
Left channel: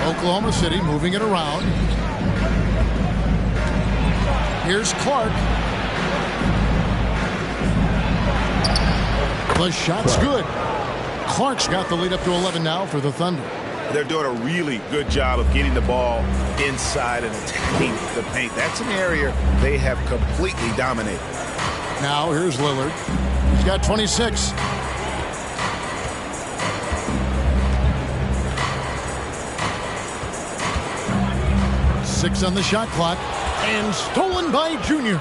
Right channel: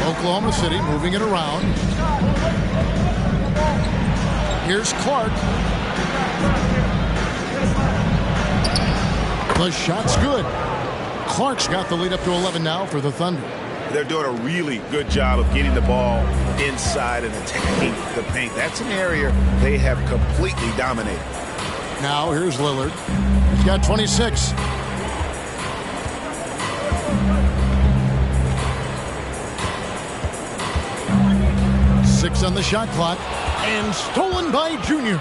Oklahoma City moving it around. Here's Clark. The shot's good. Clark's got the lead up to 11 now for the Thunder. They're doing a really good job of getting the ball inside and attacking the paint. That's an area they have completely dominated. Now here's Lillard. He's got 26. Six on the shot clock. And stolen by Junior.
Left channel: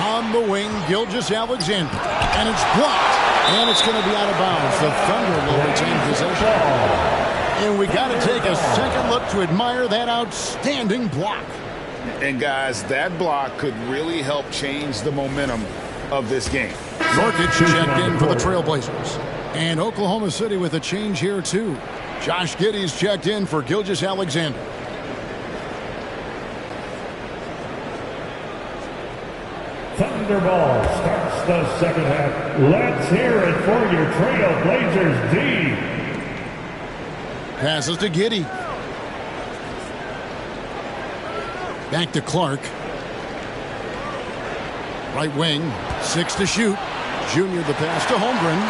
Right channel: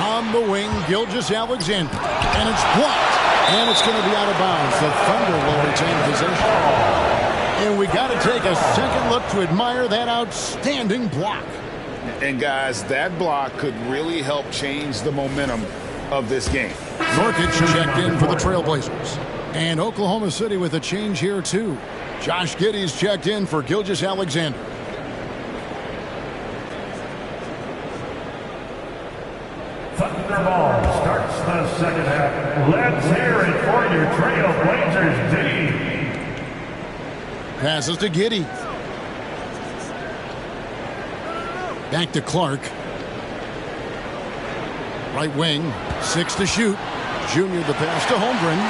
On the wing, Gilgeous-Alexander. And it's blocked. And it's going to be out of bounds. The Thunder will retain possession. And we got to take a second look to admire that outstanding block. And guys, that block could really help change the momentum of this game. Nurkic checked in for the Trailblazers. And Oklahoma City with a change here too. Josh Giddey's checked in for Gilgeous-Alexander. Thunderball starts the second half. Let's hear it for your Trailblazers D. Passes to Giddey. Back to Clark. Right wing. 6 to shoot. Junior the pass to Holmgren.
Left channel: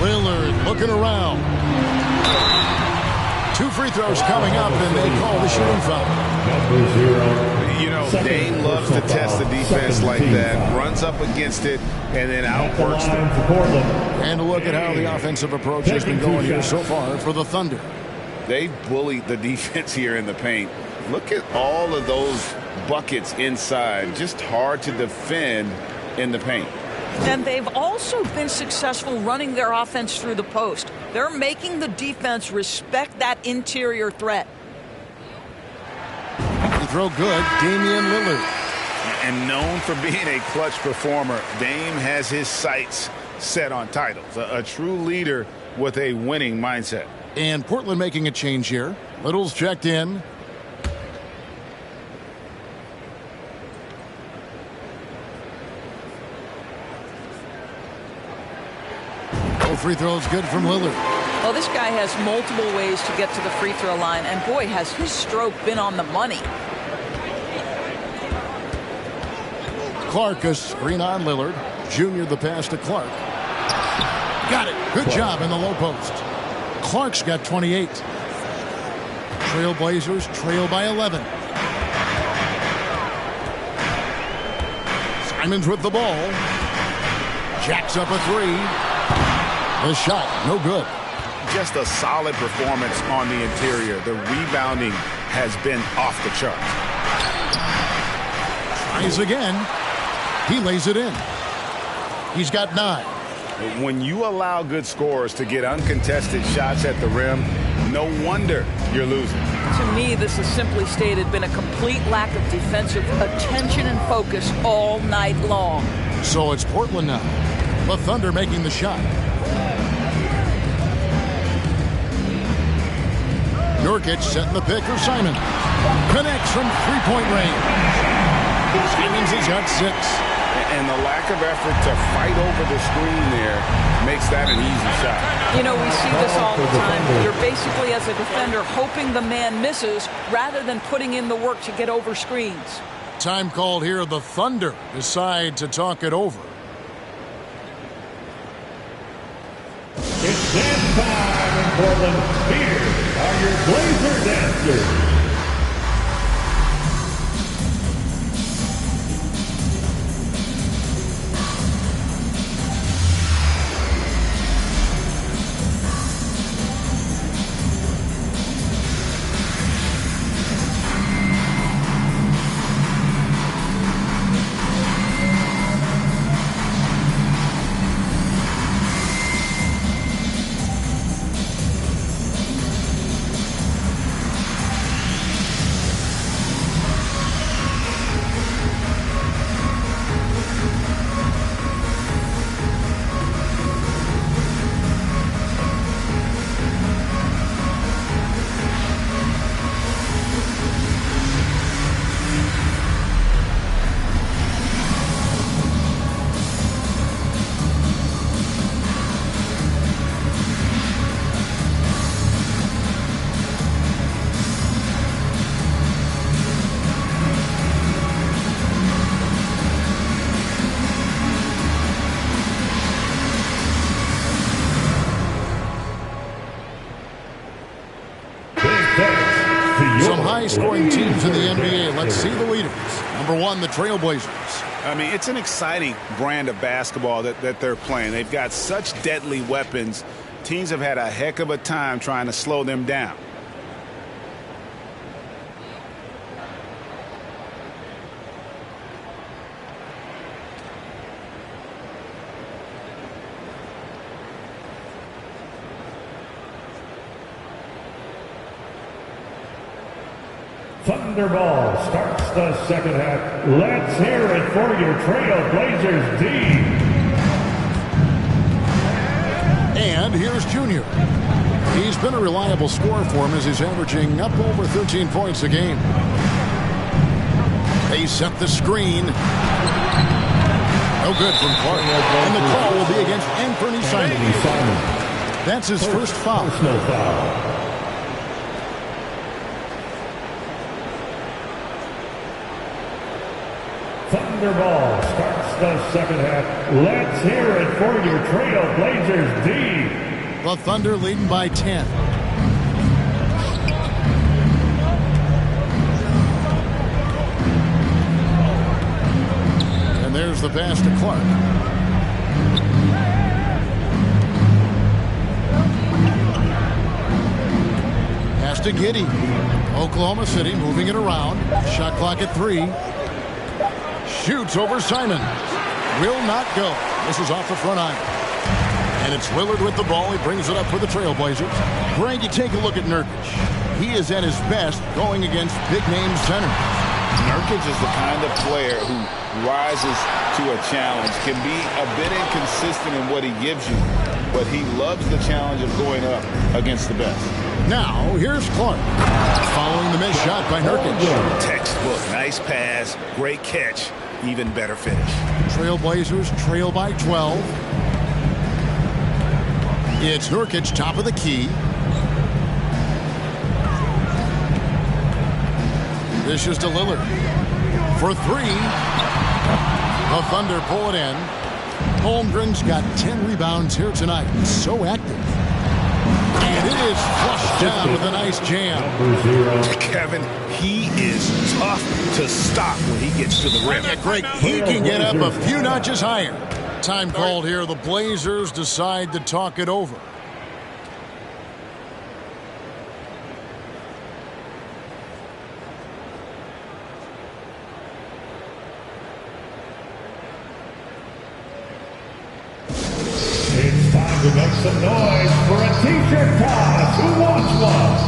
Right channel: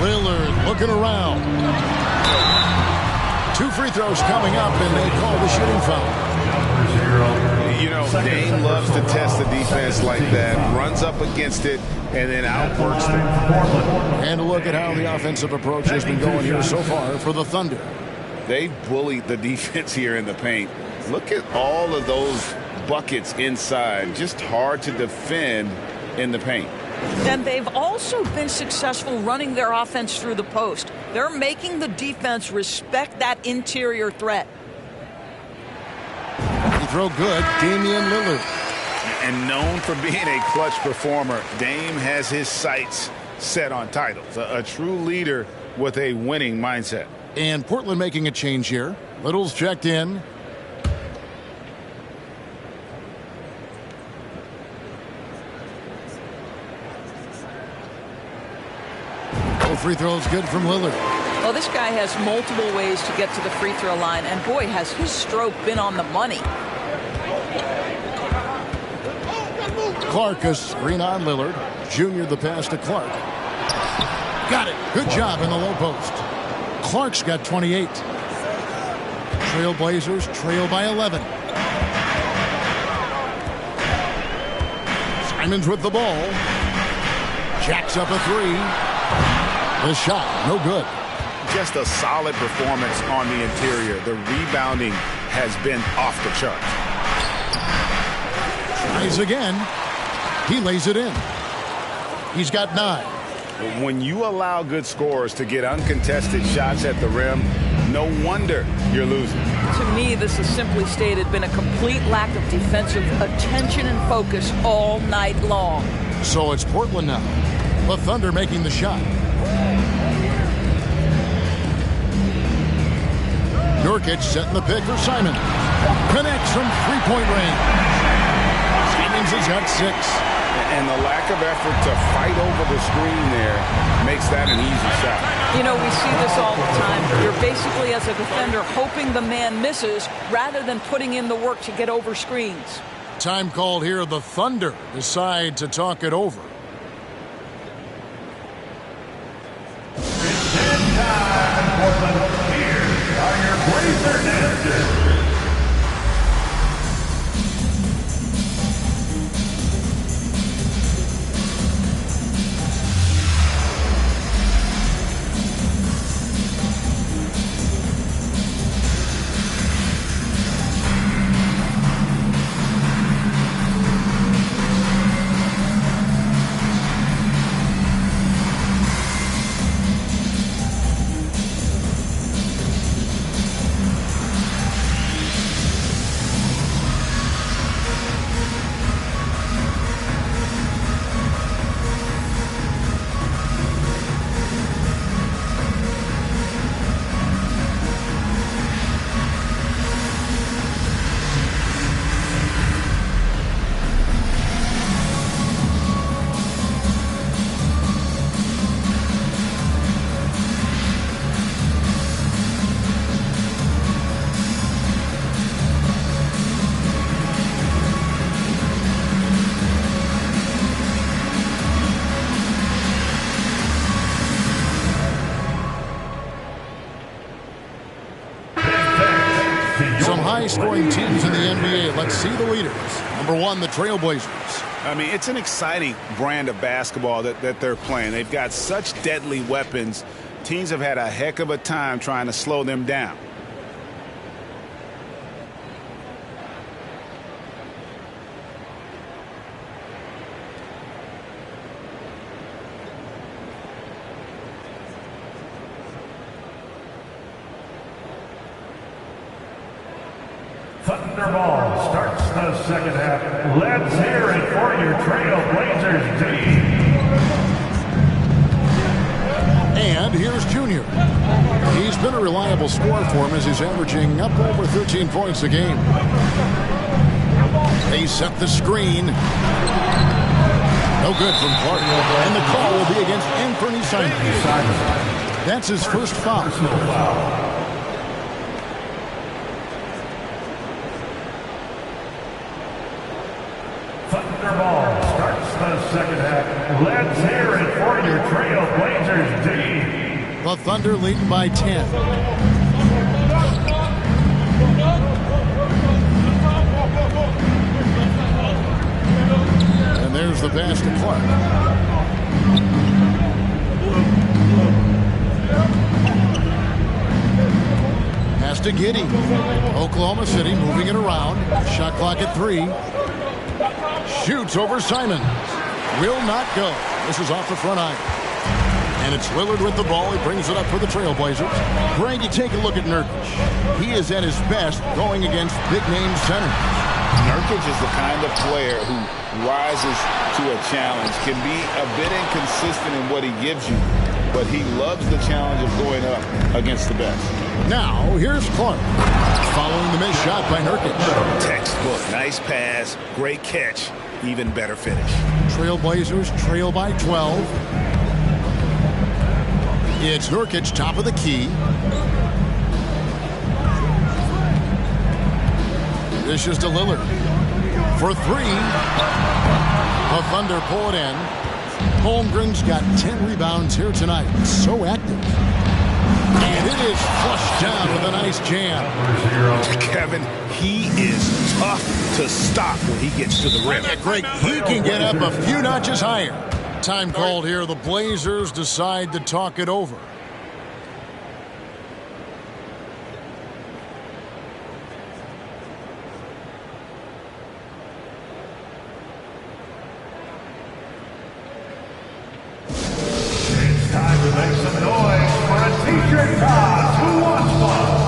Lillard looking around. 2 free throws coming up, and they call the shooting foul. Number 0. You know, Dame loves to test the defense like that. Runs up against it and then outworks them. And look at how the offensive approach has been going here so far for the Thunder. They bullied the defense here in the paint. Look at all of those buckets inside. Just hard to defend in the paint. And they've also been successful running their offense through the post. They're making the defense respect that interior threat. Free throw good, Damian Lillard. And known for being a clutch performer, Dame has his sights set on titles. A true leader with a winning mindset. And Portland making a change here. Little's checked in. Free throws good from Lillard. Well, this guy has multiple ways to get to the free throw line, and boy, has his stroke been on the money. Clark, a screen on Lillard. Junior the pass to Clark. Got it. Good job in the low post. Clark's got 28. Trailblazers trail by 11. Simons with the ball. Jacks up a 3. The shot, no good. Just a solid performance on the interior. The rebounding has been off the charts. Tries again. He lays it in. He's got 9. When you allow good scorers to get uncontested shots at the rim, no wonder you're losing. To me, this has simply stated been a complete lack of defensive attention and focus all night long. So it's Portland now. The Thunder making the shot. Nurkic setting the pick for Simon. Connects from three-point range. Simons has got 6. And the lack of effort to fight over the screen there makes that an easy shot. You know, we see this all the time. You're basically, as a defender, hoping the man misses rather than putting in the work to get over screens. Time called here. The Thunder decide to talk it over. It's dance time in Portland. Here are your Blazer dancers. high-scoring teams in the NBA. Let's see the leaders. Number 1, the Trailblazers. I mean, it's an exciting brand of basketball that they're playing. They've got such deadly weapons. Teams have had a heck of a time trying to slow them down. Thunderball starts the second half. Let's hear it for your Trailblazers D. And here's Junior. He's been a reliable scorer for him as he's averaging up over 13 points a game. They set the screen. No good from Clark. And the call will be against Anthony Simon. That's his first foul. Personal foul. Thunderball starts the second half. Let's hear it for your Trailblazers D. The Thunder leading by 10. And there's the pass to Clark. Pass to Giddey. Oklahoma City moving it around. Shot clock at 3. Shoots over Simons. Will not go. This is off the front iron. And it's Lillard with the ball. He brings it up for the Trailblazers. Greg, you take a look at Nurkic. He is at his best going against big-name centers. Nurkic is the kind of player who rises to a challenge, can be a bit inconsistent in what he gives you, but he loves the challenge of going up against the best. Now, here's Clark. Following the missed shot by Nurkic. Textbook. Nice pass. Great catch. Even better finish. Trailblazers trail by 12. It's Nurkic, top of the key. This is to Lillard. For 3. The Thunder pull it in. Holmgren's got 10 rebounds here tonight. So active. And it is flushed down with a nice jam. Kevin, he is tough to stop when he gets to the rim. Yeah, Greg, he can get up a few notches higher. Time called here. The Blazers decide to talk it over. It's time to make some noise for a t-shirt toss. Who wants one?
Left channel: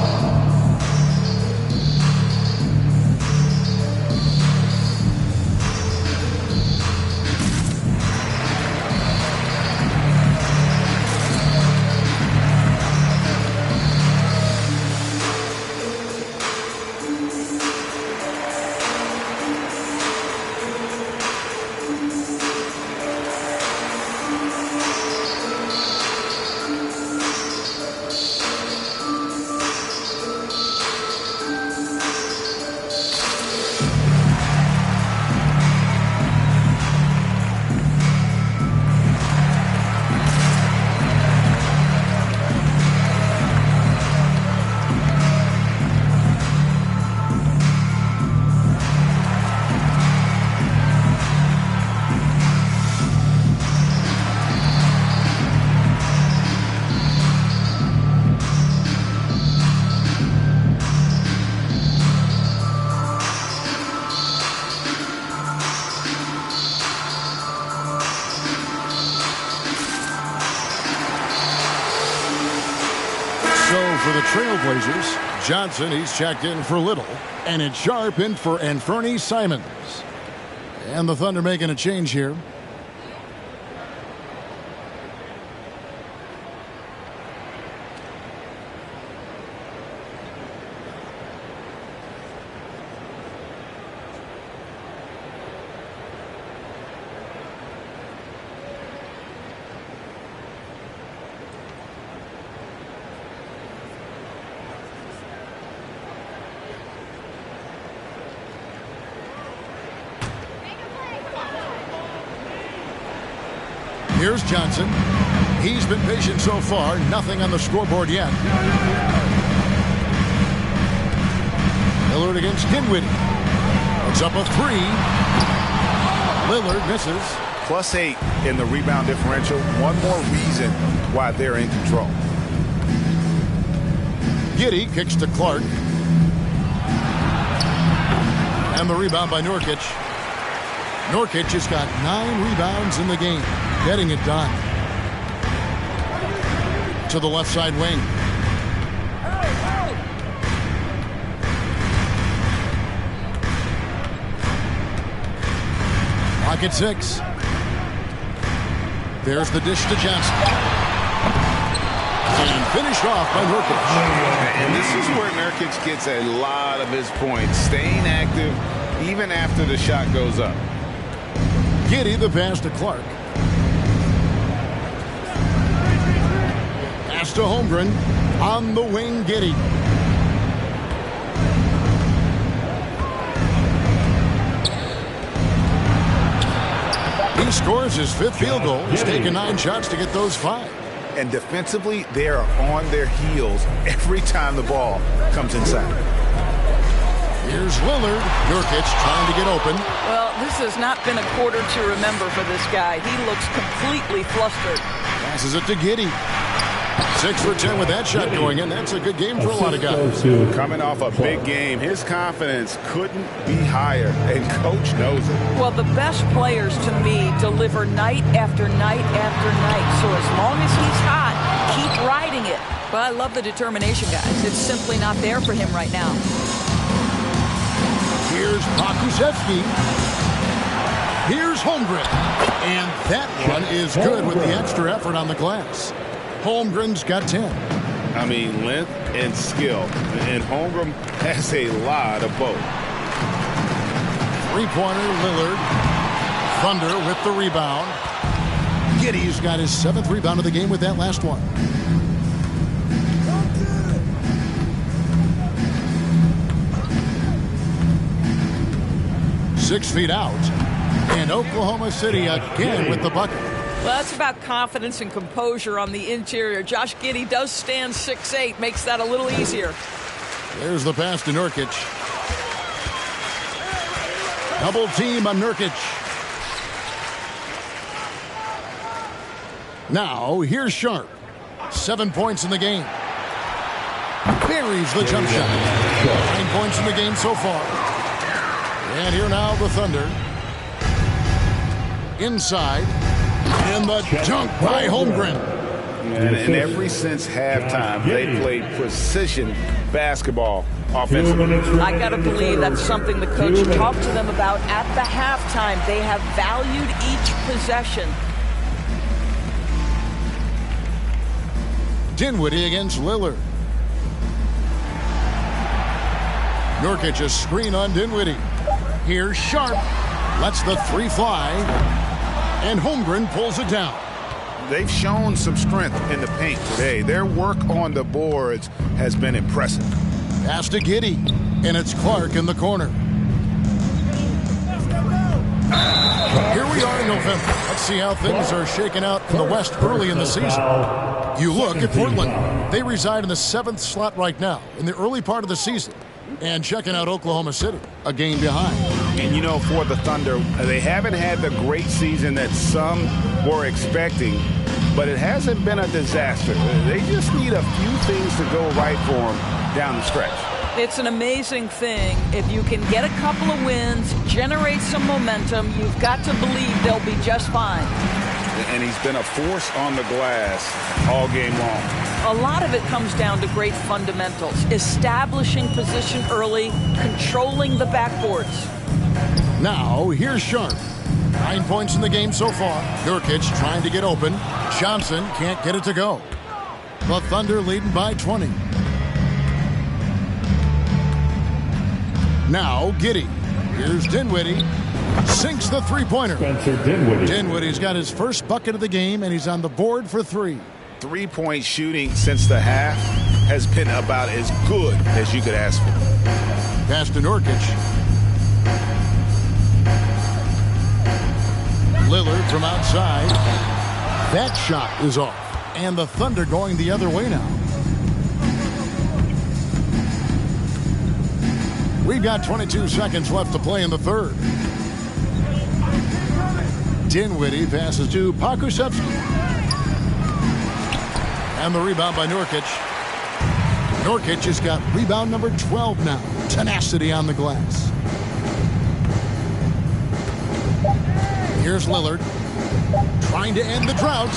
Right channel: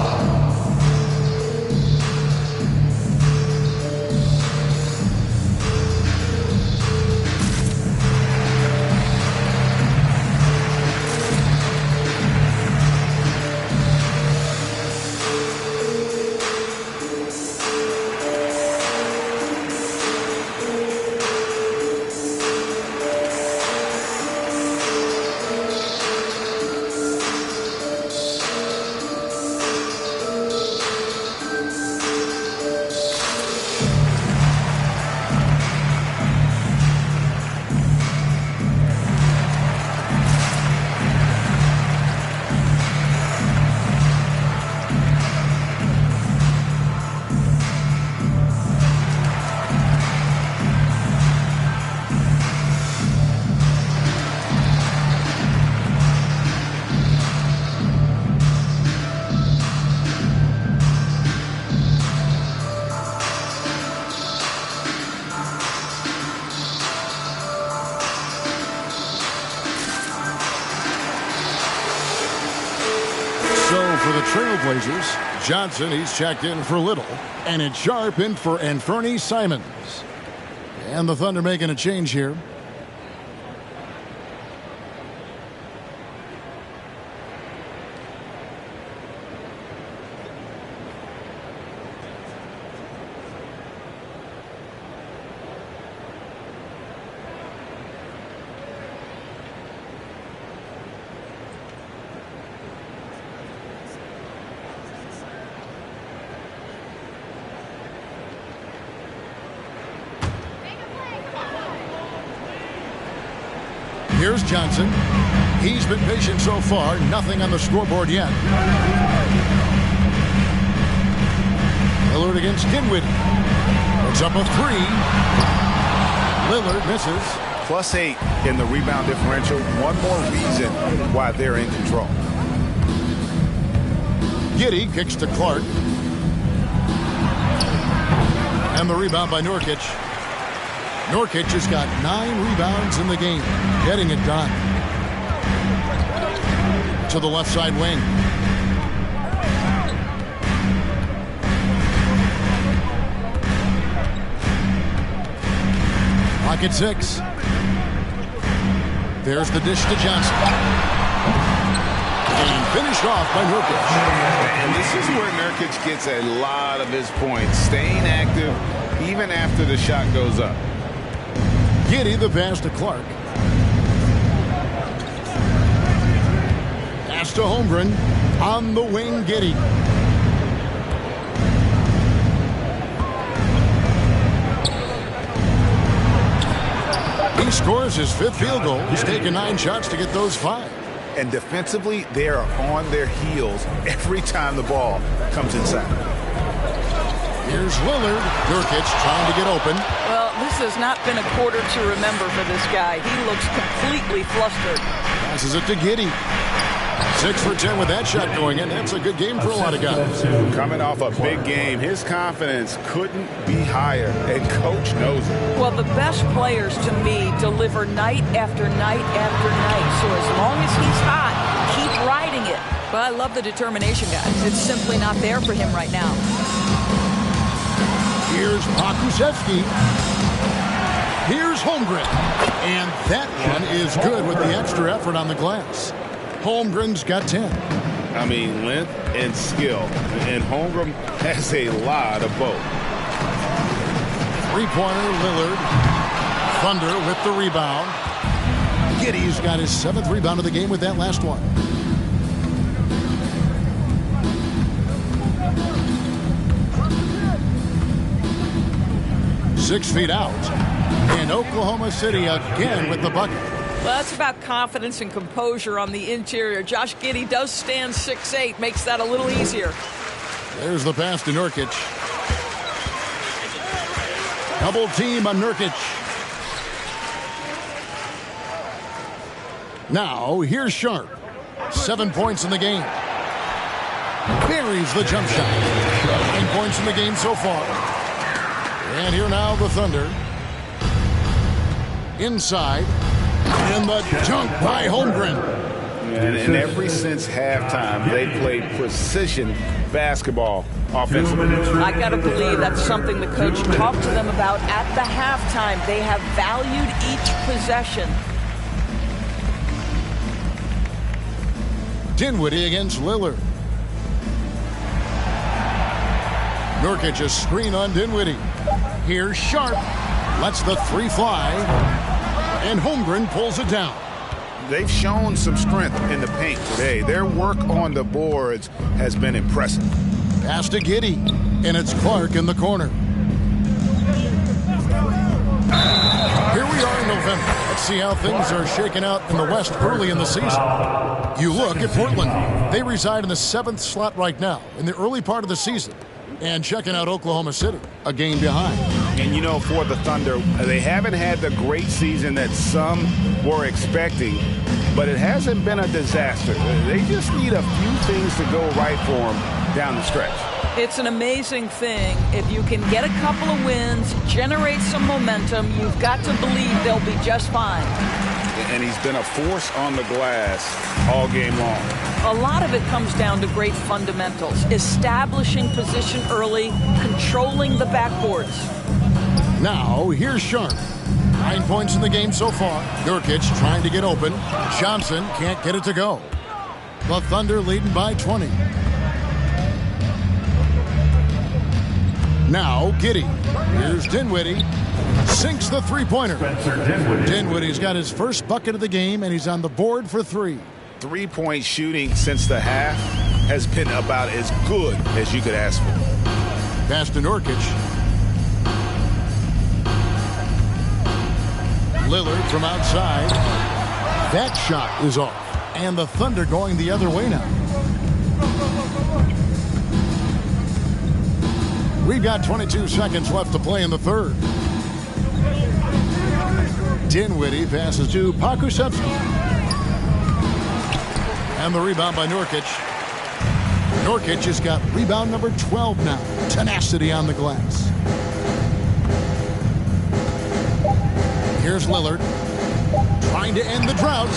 So for the Trailblazers, Johnson, he's checked in for Little, and it's Sharp in for Anthony Simons. And the Thunder making a change here. Here's Johnson. He's been patient so far. Nothing on the scoreboard yet. Lillard against Dinwiddie. It's up a three. Lillard misses. +8 in the rebound differential. One more reason why they're in control. Giddey kicks to Clark. And the rebound by Nurkic. Nurkic has got 9 rebounds in the game, getting it done. To the left side wing. Clock at 6. There's the dish to Johnson. And finished off by Nurkic. And this is where Nurkic gets a lot of his points, staying active even after the shot goes up. Giddey the pass to Clark. Pass to Holmgren. On the wing, Giddey. He scores his 5th field goal. He's taken 9 shots to get those 5. And defensively, they are on their heels every time the ball comes inside. Here's Lillard. Nurkic trying to get open. Well, this has not been a quarter to remember for this guy. He looks completely flustered. Passes it to Giddey. 6 for 10 with that shot going in. That's a good game for a lot of guys. Coming off a big game, his confidence couldn't be higher, and coach knows it. Well, the best players to me deliver night after night after night. So as long as he's hot, keep riding it. But I love the determination, guys. It's simply not there for him right now. Here's Pokusevski. Here's Holmgren. And that one is good with the extra effort on the glass. Holmgren's got 10. I mean, length and skill. And Holmgren has a lot of both. 3-pointer, Lillard. Thunder with the rebound. Giddey's got his 7th rebound of the game with that last one. Six feet out. And Oklahoma City again with the bucket. Well, that's about confidence and composure on the interior. Josh Giddey does stand 6'8", makes that a little easier. There's the pass to Nurkic. Double team on Nurkic. Now, here's Sharp. 7 points in the game. Buries the jump shot. 9 points in the game so far. And here now the Thunder. Inside. And the dunk by Holmgren. And ever since halftime, they played precision basketball offensively. I got to believe that's something the coach talked to them about at the halftime. They have valued each possession. Dinwiddie against Lillard. Nurkic a screen on Dinwiddie. Here's Sharp. Lets the 3 fly. And Holmgren pulls it down. They've shown some strength in the paint today. Their work on the boards has been impressive. Pass to Giddey. And it's Clark in the corner. Here we are in November. Let's see how things are shaking out in the West early in the season. You look at Portland. They reside in the 7th slot right now in the early part of the season. And checking out Oklahoma City, a game behind. And, you know, for the Thunder, they haven't had the great season that some were expecting, but it hasn't been a disaster. They just need a few things to go right for them down the stretch. It's an amazing thing. If you can get a couple of wins, generate some momentum, you've got to believe they'll be just fine. And he's been a force on the glass all game long. A lot of it comes down to great fundamentals, establishing position early, controlling the backboards. Now, here's Sharp. 9 points in the game so far. Nurkic trying to get open. Johnson can't get it to go. The Thunder leading by 20. Now, Giddey. Here's Dinwiddie. Sinks the 3-pointer. Spencer Dinwiddie. Dinwiddie's got his first bucket of the game, and he's on the board for 3. 3-point shooting since the half has been about as good as you could ask for. Pass to Nurkic. Lillard from outside. That shot is off. And the Thunder going the other way now. We've got 22 seconds left to play in the third. Dinwiddie passes to Pokusevski. And the rebound by Nurkic. Nurkic has got rebound number 12 now. Tenacity on the glass. Here's Lillard trying to end the drought.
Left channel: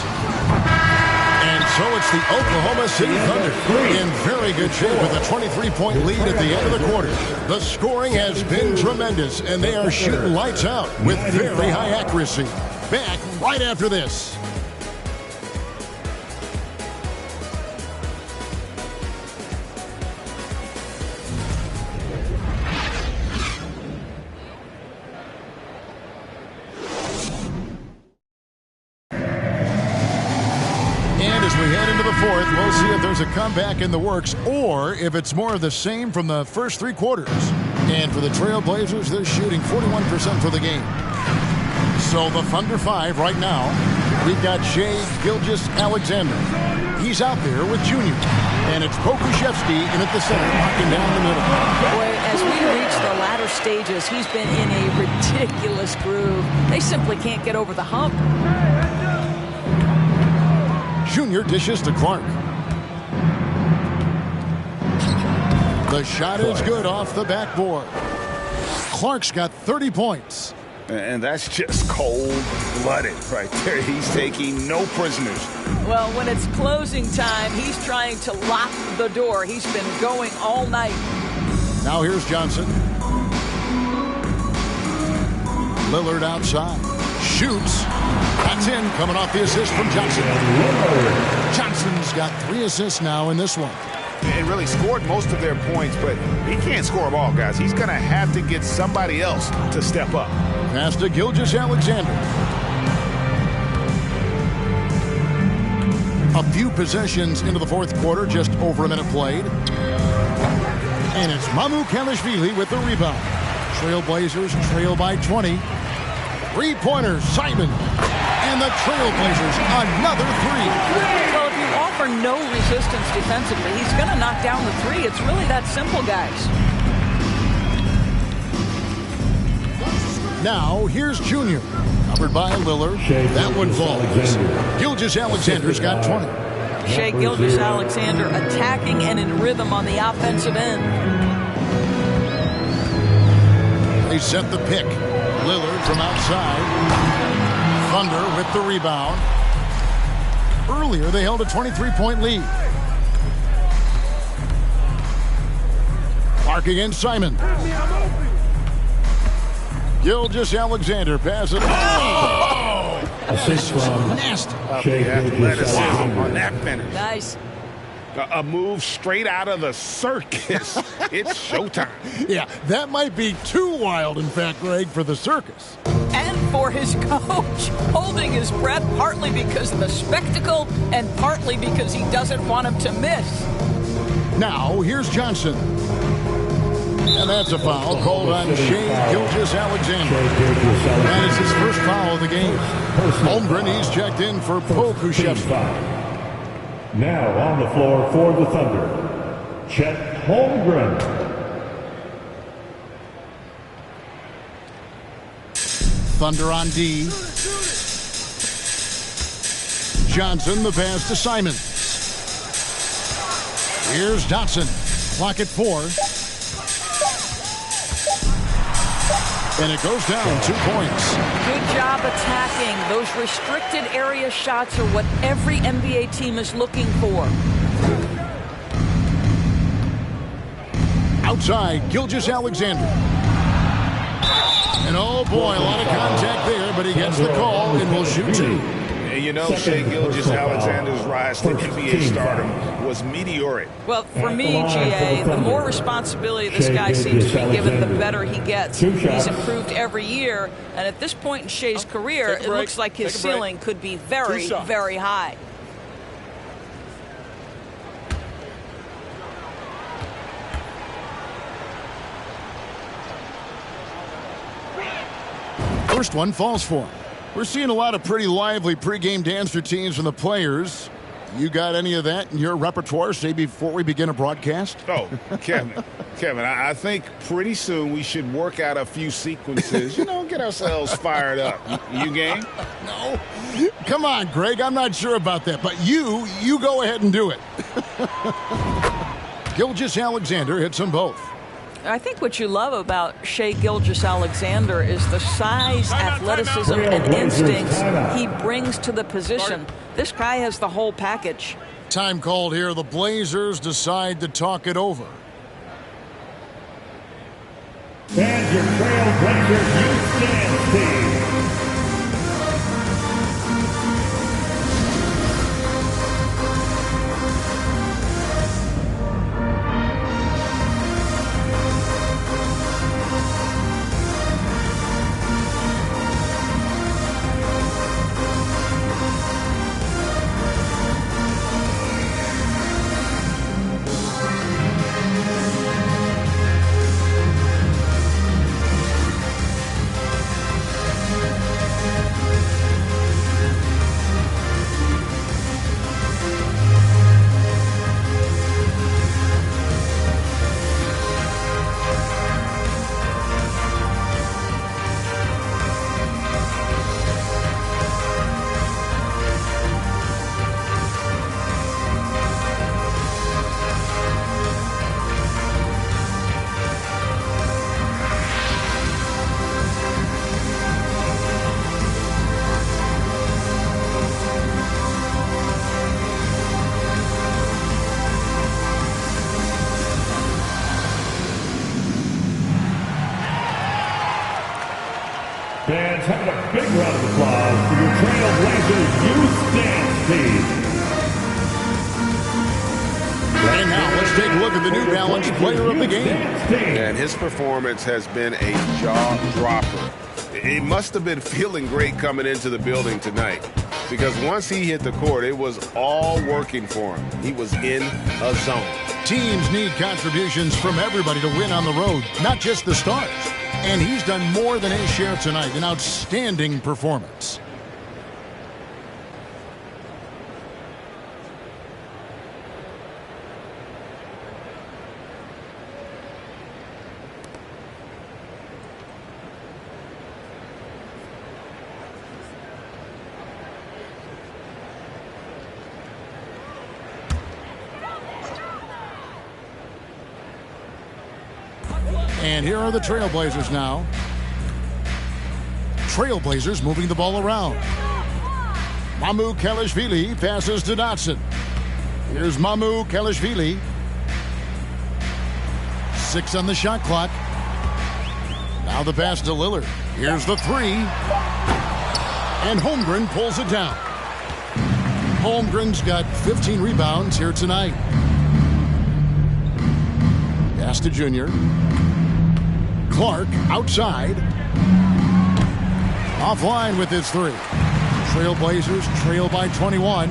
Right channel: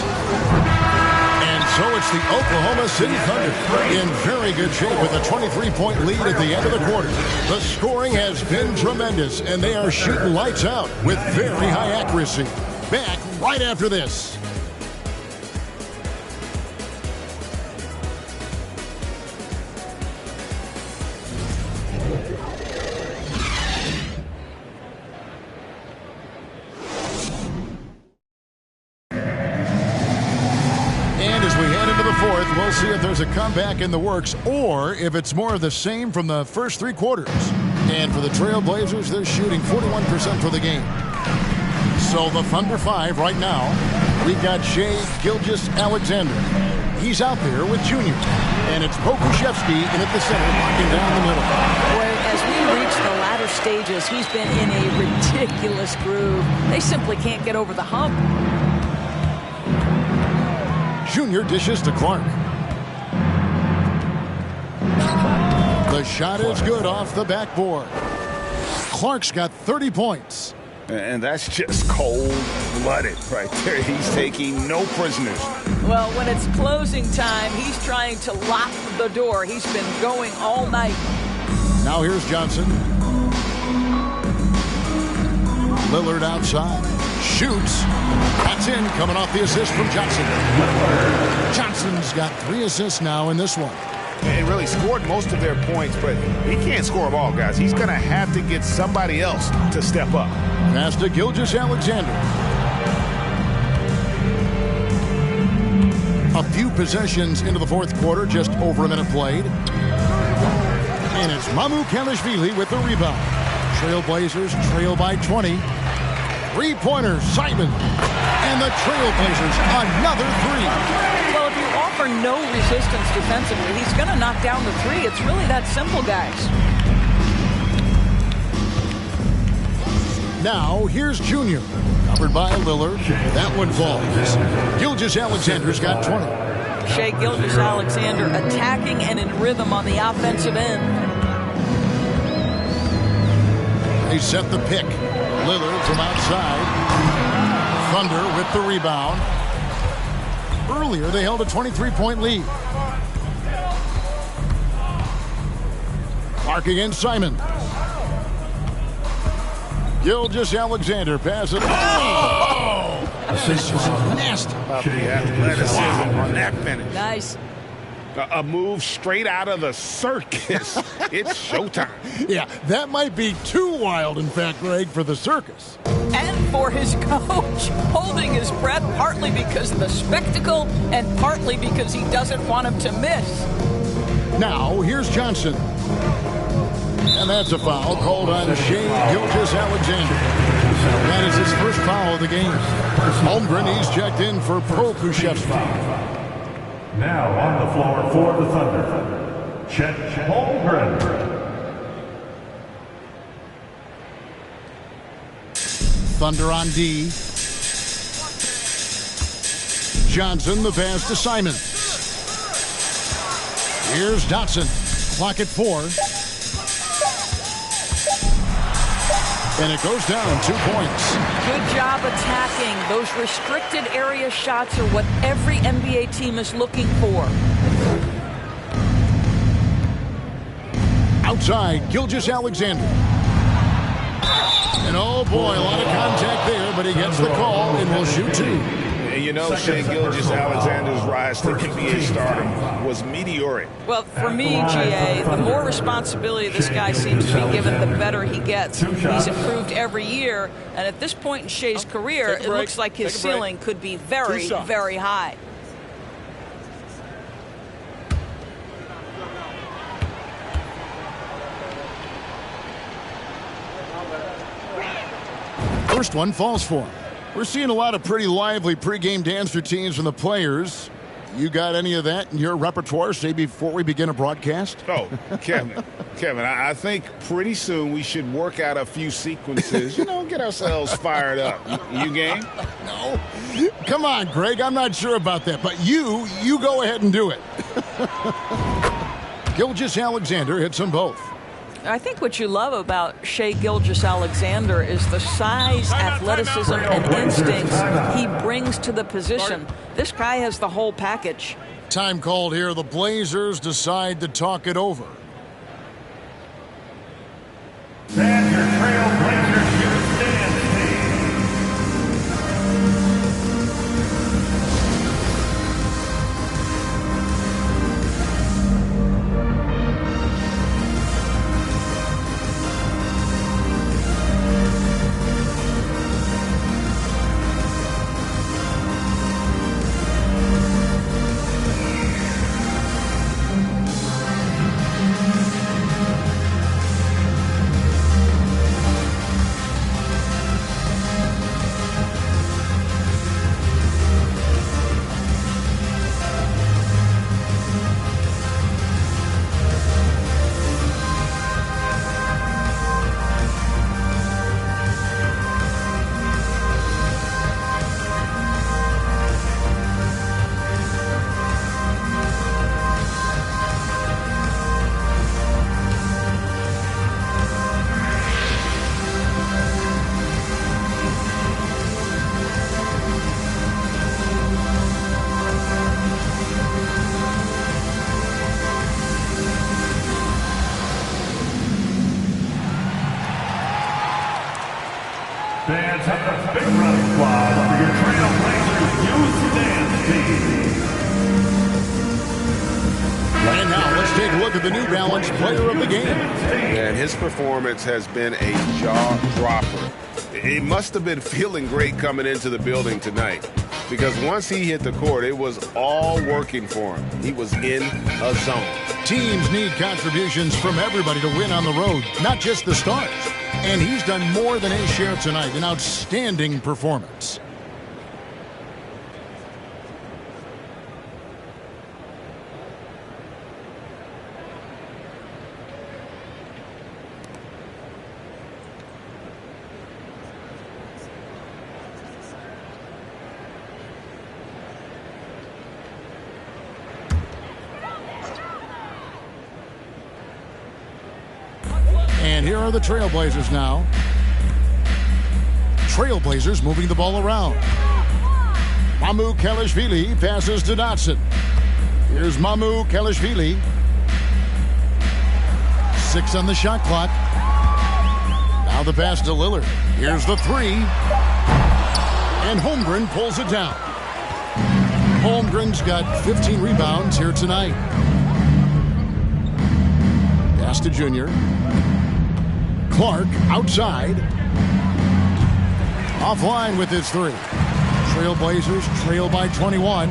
And so it's the Oklahoma City Thunder in very good shape with a 23-point lead at the end of the quarter. The scoring has been tremendous, and they are shooting lights out with very high accuracy. Back right after this. As we head into the fourth, we'll see if there's a comeback in the works or if it's more of the same from the first three quarters. And for the Trailblazers, they're shooting 41% for the game. So the Thunder 5 right now. We've got Shai Gilgeous-Alexander. He's out there with Junior. And it's Pokusevski in at the center, locking down the middle. Boy, as we reach the latter stages, he's been in a ridiculous groove. They simply can't get over the hump. Junior dishes to Clark. The shot is good off the backboard. Clark's got 30 points. And that's just cold-blooded right there. He's taking no prisoners. Well, when it's closing time, he's trying to lock the door. He's been going all night. Now here's Johnson. Lillard outside. Shoots. That's in, coming off the assist from Johnson. Johnson's got 3 assists now in this one. And really scored most of their points, but he can't score them all, guys. He's going to have to get somebody else to step up. Pass to Gilgeous-Alexander. A few possessions into the fourth quarter, just over a minute played. And it's Mamukelashvili with the rebound. Trailblazers trail by 20. Three-pointer, Simon. And the Trailblazers, another 3. Well, if you offer no resistance defensively, he's going to knock down the 3. It's really that simple, guys. Now, here's Junior. Covered by Lillard. That one falls. Gilgeous-Alexander's got 20. Shai Gilgeous-Alexander attacking and in rhythm on the offensive end. They set the pick. Lillard from outside. Thunder with the rebound. Earlier, they held a 23-point lead. Clark against Simon. Gilgeous-Alexander passes. Oh! That is just nasty. About the athleticism on that finish. Nice. A move straight out of the circus. It's showtime. Yeah, that might be too wild, in fact, Greg, for the circus. And for his coach, holding his breath partly because of the spectacle and partly because he doesn't want him to miss. Now, here's Johnson. And that's a foul called on Shai Gilgeous-Alexander. That is his first foul of the game. Holmgren, he's checked in for Pokusevski. Now on the floor for the Thunder, Chet Holmgren. Thunder on D. Johnson, the pass to Simons. Here's Dotson. Clock at 4. And it goes down 2 points. Good job attacking. Those restricted area shots are what every NBA team is looking for. Outside, Gilgeous-Alexander. And oh boy, a lot of contact there, but he gets the call and will shoot 2. And you know, Shai Gilgeous-Alexander's rise to NBA stardom was meteoric. Well, for me, GA, the more responsibility this guy seems to be given, the better he gets. He's improved every year, and at this point in Shai's career, it looks like his ceiling could be very, very high. First one falls for him. We're seeing a lot of pretty lively pregame dance routines from the players. You got any of that in your repertoire, say, before we begin a broadcast? Oh, Kevin, I think pretty soon we should work out a few sequences, get ourselves fired up. You game? No. Come on, Greg. I'm not sure about that, but you go ahead and do it. Gilgeous-Alexander hits them both. I think what you love about Shai Gilgeous-Alexander is the size, athleticism, and instincts he brings to the position. This guy has the whole package. Time called here. The Blazers decide to talk it over. And your Trailblazers youth dance team. Fans, have a big round of applause for your Trailblazers youth dance team. And now let's take a look at the New Balance player of the game. And his performance has been a jaw dropper. He must have been feeling great coming into the building tonight, because once he hit the court, it was all working for him. He was in a zone. Teams need contributions from everybody to win on the road, not just the stars. And he's done more than his share tonight. An outstanding performance. And here are the Trailblazers now. Trailblazers moving the ball around. Mamukelashvili passes to Dotson. Here's Mamukelashvili. 6 on the shot clock. Now the pass to Lillard. Here's the 3. And Holmgren pulls it down. Holmgren's got 15 rebounds here tonight. Pass to Junior. Clark outside. Offline with his 3. Trailblazers trail by 21.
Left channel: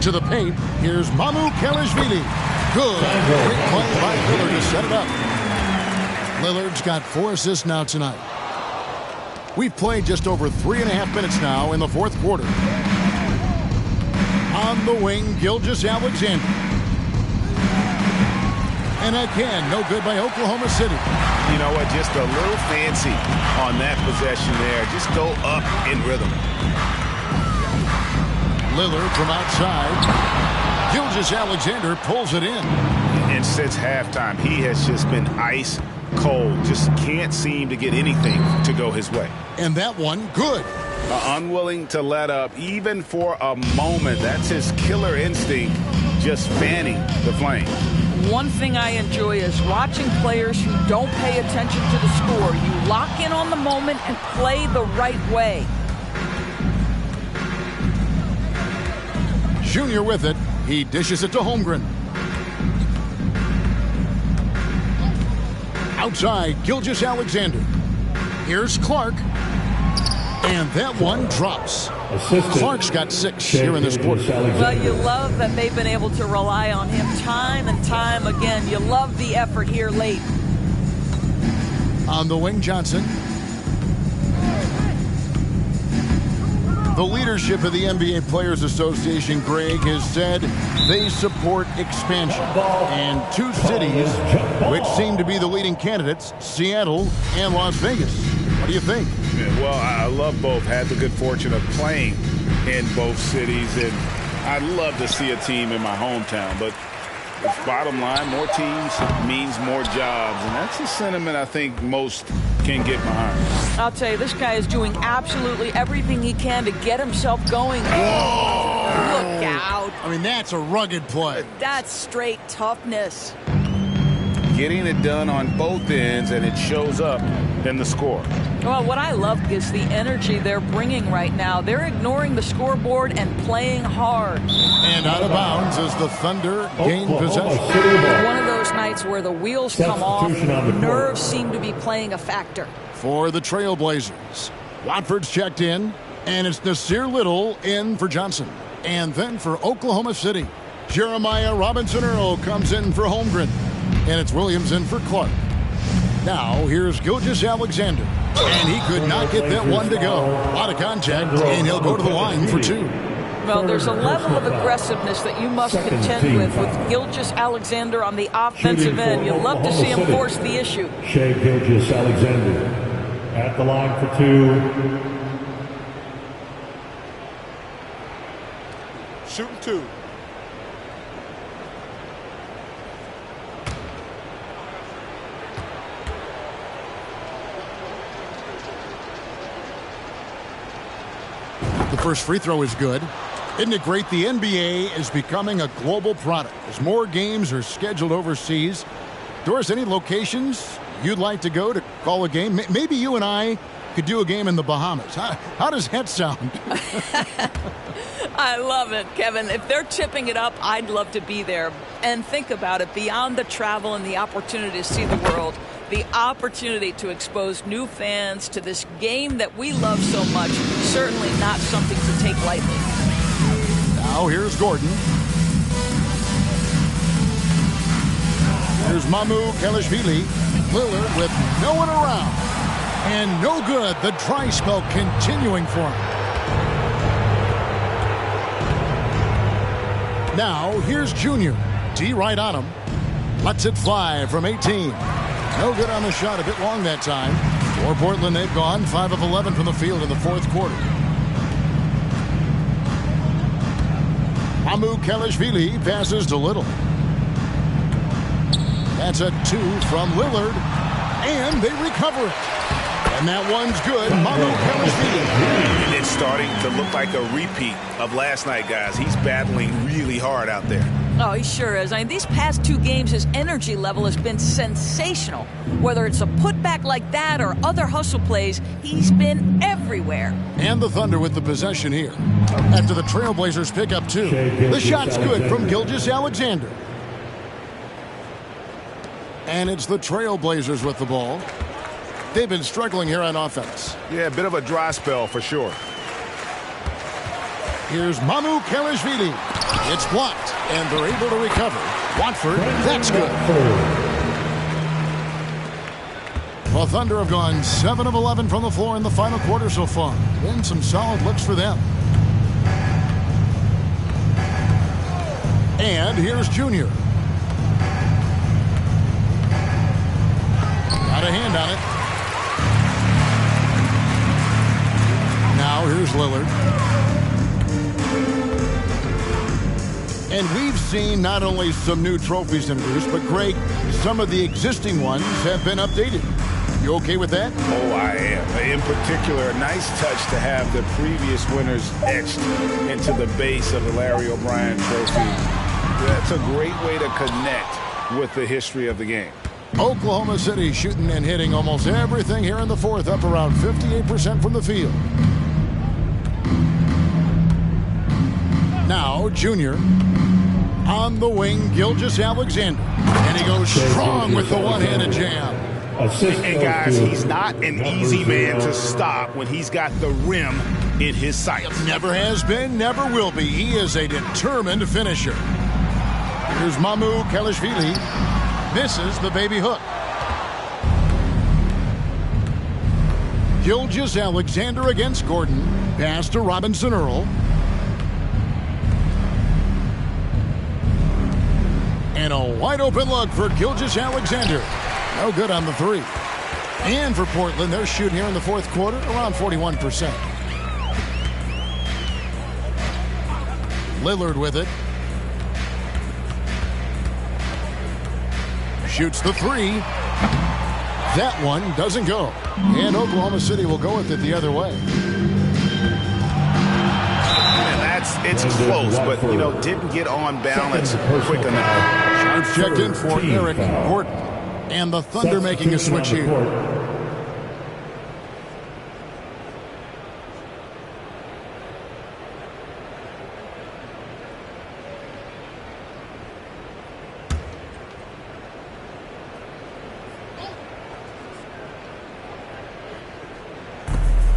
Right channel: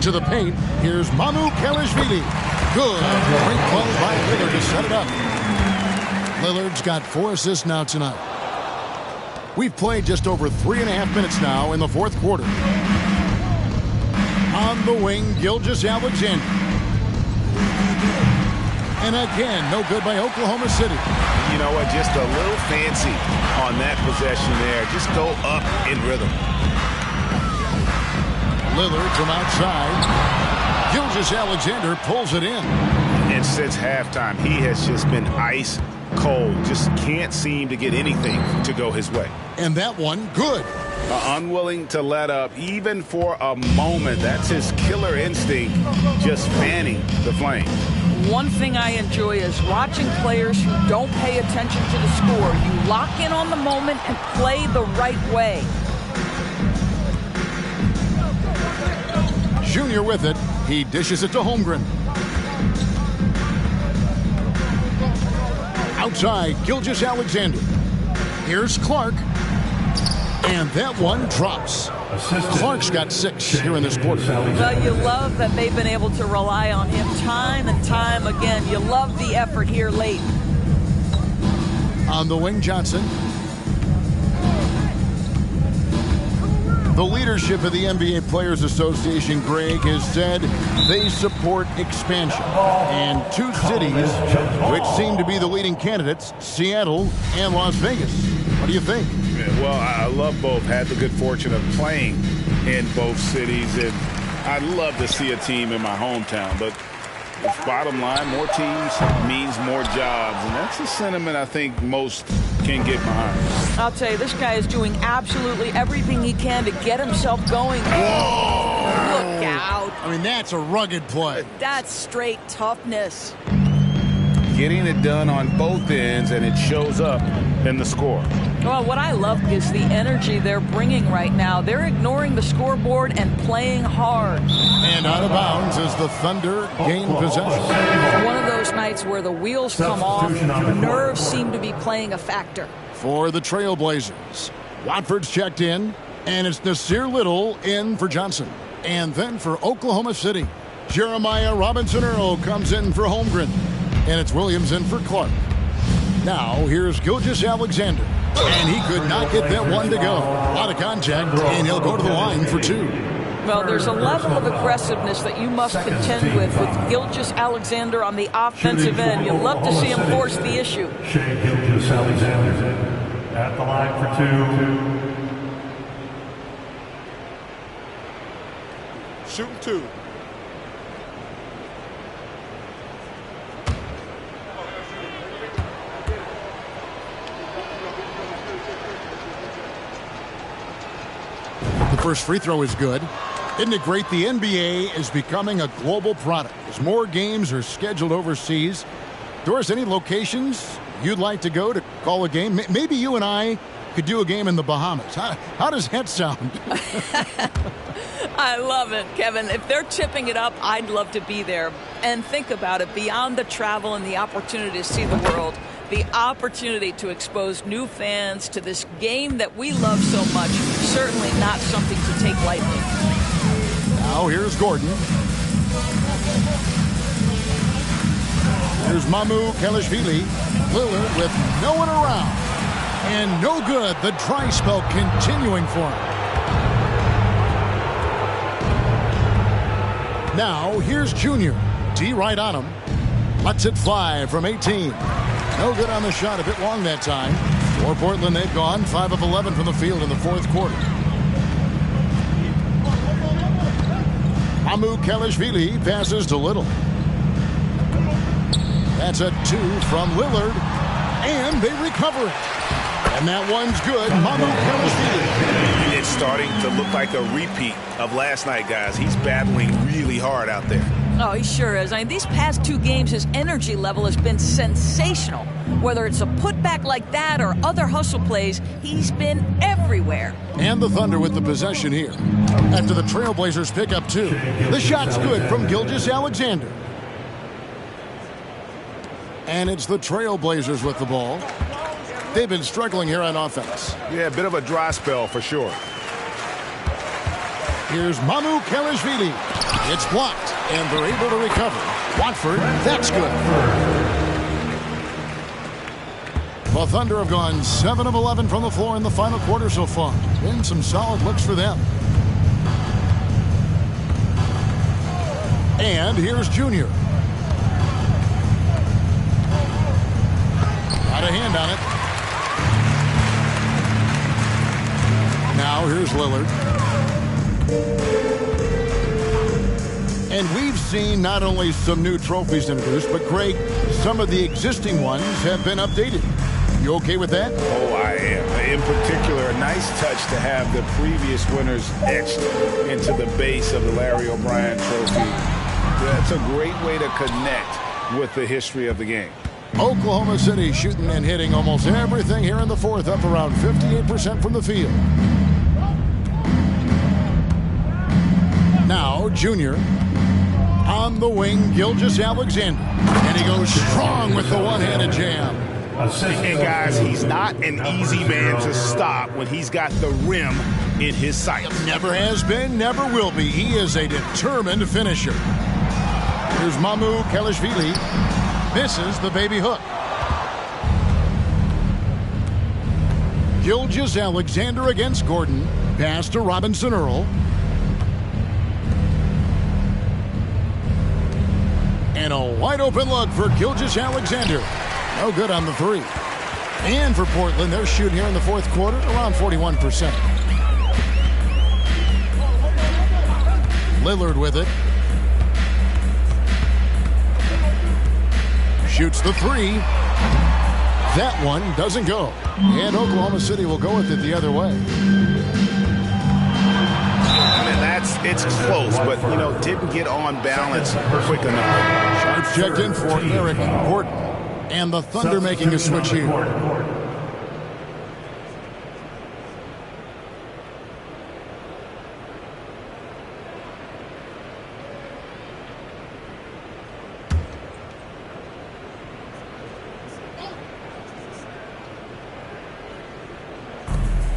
To the paint. Here's Mamukelashvili. Good. Great play by Lillard to set it up. Lillard's got 4 assists now tonight. We've played just over 3.5 minutes now in the fourth quarter. On the wing, Gilgeous-Alexander. And again, no good by Oklahoma City. You know what? Just a little fancy on that possession there. Just go up in rhythm. Lillard from outside. Gilgeous-Alexander pulls it in. And since halftime, he has just been ice cold. Just can't seem to get anything to go his way. And that one, good. Unwilling to let up, even for a moment. That's his killer instinct, just fanning the flame. One thing I enjoy is watching players who don't pay attention to the score. You lock in on the moment and play the right way. Junior with it. He dishes it to Holmgren. Outside, Gilgeous-Alexander. Here's Clark. And that one drops. Clark's got 6 here in this quarter. Well, you love that they've been able to rely on him time and time again. You love the effort here late. On the wing, Johnson. The leadership of the NBA Players Association, Greg, has said they support expansion. And two cities which seem to be the leading candidates, Seattle and Las Vegas. What do you think? Well, I love both. Had the good fortune of playing in both cities, and I'd love to see a team in my hometown. But bottom line, more teams means more jobs, and that's a sentiment I think most can get behind. I'll tell you, this guy is doing absolutely everything he can to get himself going. Whoa! Look out. I mean, that's a rugged play. That's straight toughness. Getting it done on both ends, and it shows up in the score. Well, what I love is the energy they're bringing right now. They're ignoring the scoreboard and playing hard. And out of bounds as the Thunder gain possession. One of those nights where the wheels come off, nerves seem to be playing a factor. For the Trailblazers, Watford's checked in, and it's Nasir Little in for Johnson. And then for Oklahoma City, Jeremiah Robinson-Earl comes in for Holmgren. And it's Williams in for Clark. Now, here's Gilgeous-Alexander. And he could not get that one to go. A lot of contact, and he'll go to the line for two. Well, there's a level of aggressiveness that you must contend with Gilgeous-Alexander on the offensive end. You love to see him force the issue. Shai Gilgeous-Alexander at the line for two. Shooting two. The first free throw is good. Isn't it great? The NBA is becoming a global product as more games are scheduled overseas. Doris, any locations you'd like to go to call a game? Maybe you and I could do a game in the Bahamas. How does that sound? I love it, Kevin. If they're tipping it up, I'd love to be there. And think about it, beyond the travel and the opportunity to see the world, the opportunity to expose new fans to this game that we love so much, certainly not something to take lightly. Now here's Gordon. Here's Mamu Kelishvili. Lillard with no one around. And no good. The dry spell continuing for him. Now here's Junior. D right on him. Lets it fly from 18. No good on the shot. A bit long that time. For Portland, they've gone 5 of 11 from the field in the fourth quarter. Mamu Kelishvili passes to Little. That's a 2 from Lillard. And they recover it. And that one's good. Mamu Kelishvili. It's starting to look like a repeat of last night, guys. He's battling really hard out there. Oh, he sure is. I mean, these past two games, his energy level has been sensational. Whether it's a putback like that or other hustle plays, he's been everywhere. And the Thunder with the possession here. After the Trailblazers pick up two. The shot's good from Gilgeous-Alexander. And it's the Trailblazers with the ball. They've been struggling here on offense. Yeah, a bit of a dry spell for sure. Here's Mamu Kelishvili. It's blocked, and they're able to recover. Watford, that's good. The Thunder have gone 7 of 11 from the floor in the final quarter so far. Been some solid looks for them. And here's Junior. Got a hand on it. Now here's Lillard. And we've seen not only some new trophies introduced, but Greg, some of the existing ones have been updated. You okay with that? Oh, I am. In particular, a nice touch to have the previous winners etched into the base of the Larry O'Brien trophy. That's a great way to connect with the history of the game. Oklahoma City shooting and hitting almost everything here in the fourth, up around 58% from the field. Now, Junior on the wing, Gilgeous-Alexander. And he goes strong with the one-handed jam. And guys, he's not an easy man to stop when he's got the rim in his sights. Never has been, never will be. He is a determined finisher. Here's Mamu Kelishvili. Misses the baby hook. Gilgeous-Alexander against Gordon. Pass to Robinson Earl. And a wide open look for Gilgeous-Alexander. No good on the three. And for Portland, they're shooting here in the fourth quarter around 41%. Lillard with it. Shoots the three. That one doesn't go. And Oklahoma City will go with it the other way. It's close, but, didn't get on balance quick enough. Sharps checked in for Eric Gordon. And the Thunder making a switch here.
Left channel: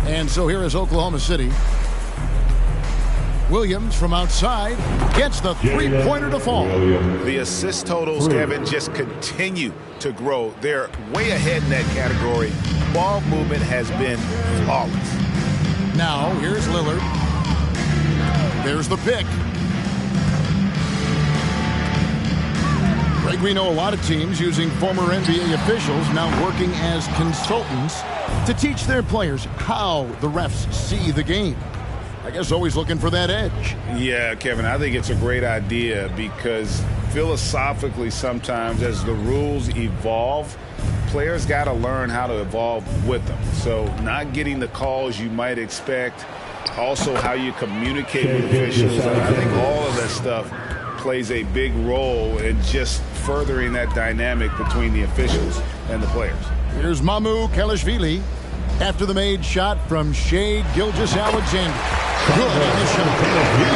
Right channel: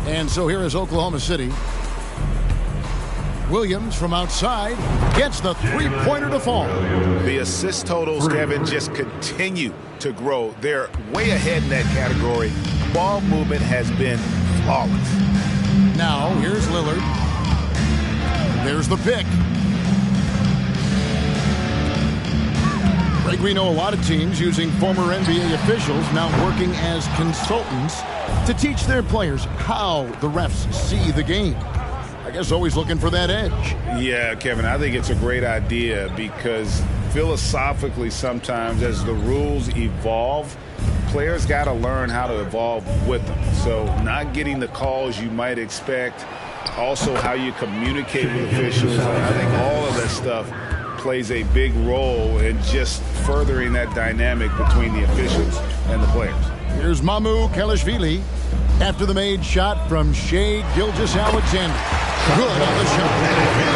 And so here is Oklahoma City. Williams from outside gets the three-pointer to fall. The assist totals, Kevin, just continue to grow. They're way ahead in that category. Ball movement has been flawless. Now, here's Lillard. There's the pick. Greg, we know a lot of teams using former NBA officials now working as consultants to teach their players how the refs see the game. I guess always looking for that edge. Yeah, Kevin, I think it's a great idea because philosophically sometimes as the rules evolve, players got to learn how to evolve with them. So not getting the calls you might expect, also how you communicate with officials. I think all of that stuff plays a big role in just furthering that dynamic between the officials and the players. Here's Mamukelashvili after the made shot from Shai Gilgeous-Alexander. Good on the shot.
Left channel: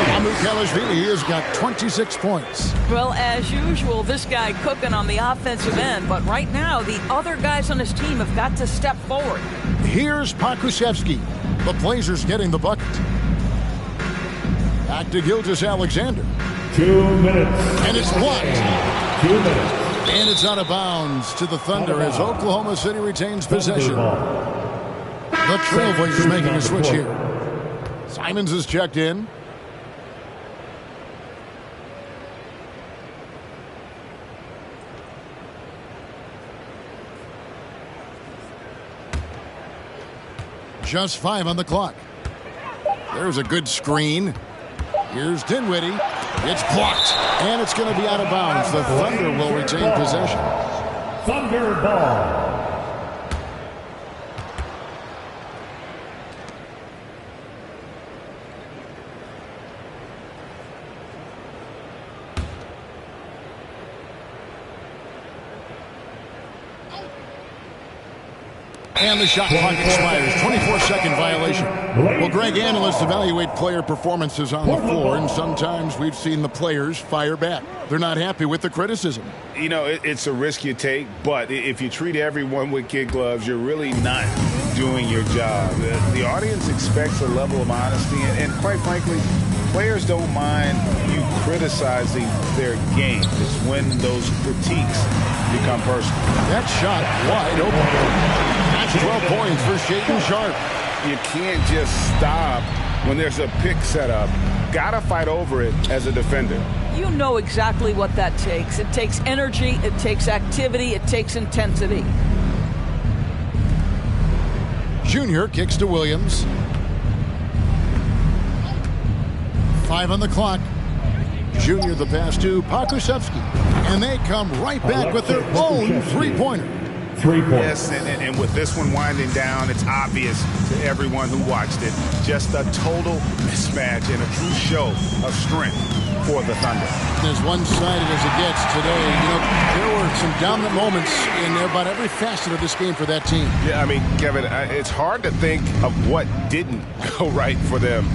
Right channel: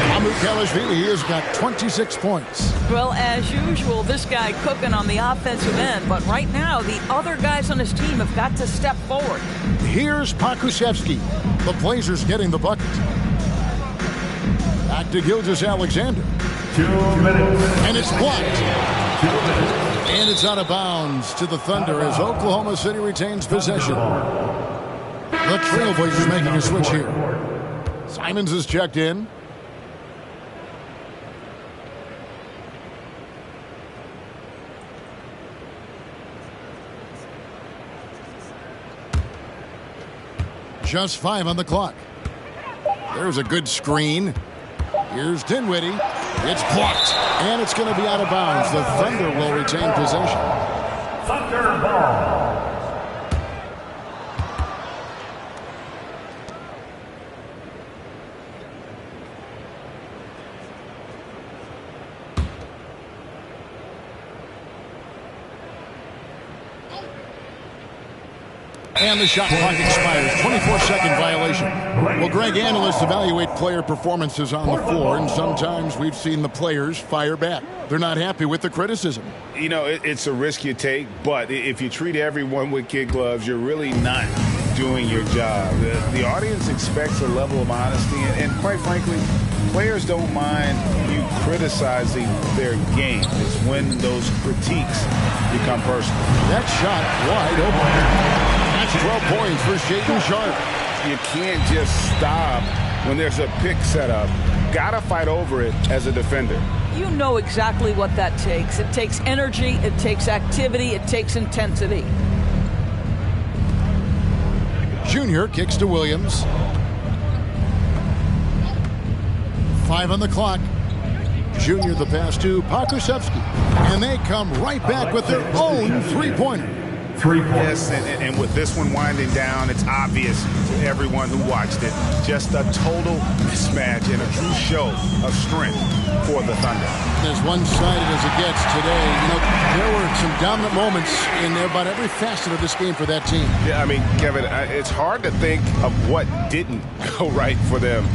Mamukelashvili has got 26 points. Well, as usual, this guy cooking on the offensive end, but right now the other guys on his team have got to step forward. Here's Pokusevski. The Blazers getting the bucket. Back to Gilgeous-Alexander. 2 minutes. And it's blocked. 2 minutes. And it's out of bounds to the Thunder as Oklahoma City retains possession. The Trailblazers making a switch here. Simons is checked in. Just 5 on the clock. There's a good screen. Here's Dinwiddie. It's blocked. And it's going to be out of bounds. The Thunder will retain possession. Thunder ball. And the shot clock expires. 24-second violation. Well, Greg, analysts evaluate player performances on the floor, and sometimes we've seen the players fire back. They're not happy with the criticism. It's a risk you take, but if you treat everyone with kid gloves, you're really not doing your job. The audience expects a level of honesty, and quite frankly, players don't mind you criticizing their game. It's when those critiques become personal. That shot wide open. That's 12 points for Shaedon Sharpe. You can't just stop when there's a pick set up. Gotta fight over it as a defender. You know exactly what that takes. It takes energy, it takes activity, it takes intensity. Junior kicks to Williams. 5 on the clock. Junior the pass to Pokusevski. And they come right back with their own three-pointer. 3 points. Yes, and with this one winding down, it's obvious to everyone who watched it. Just a total mismatch and a true show of strength for the Thunder. As one-sided as it gets today, there were some dominant moments in about every facet of this game for that team. Yeah, Kevin, it's hard to think of what didn't go right for them.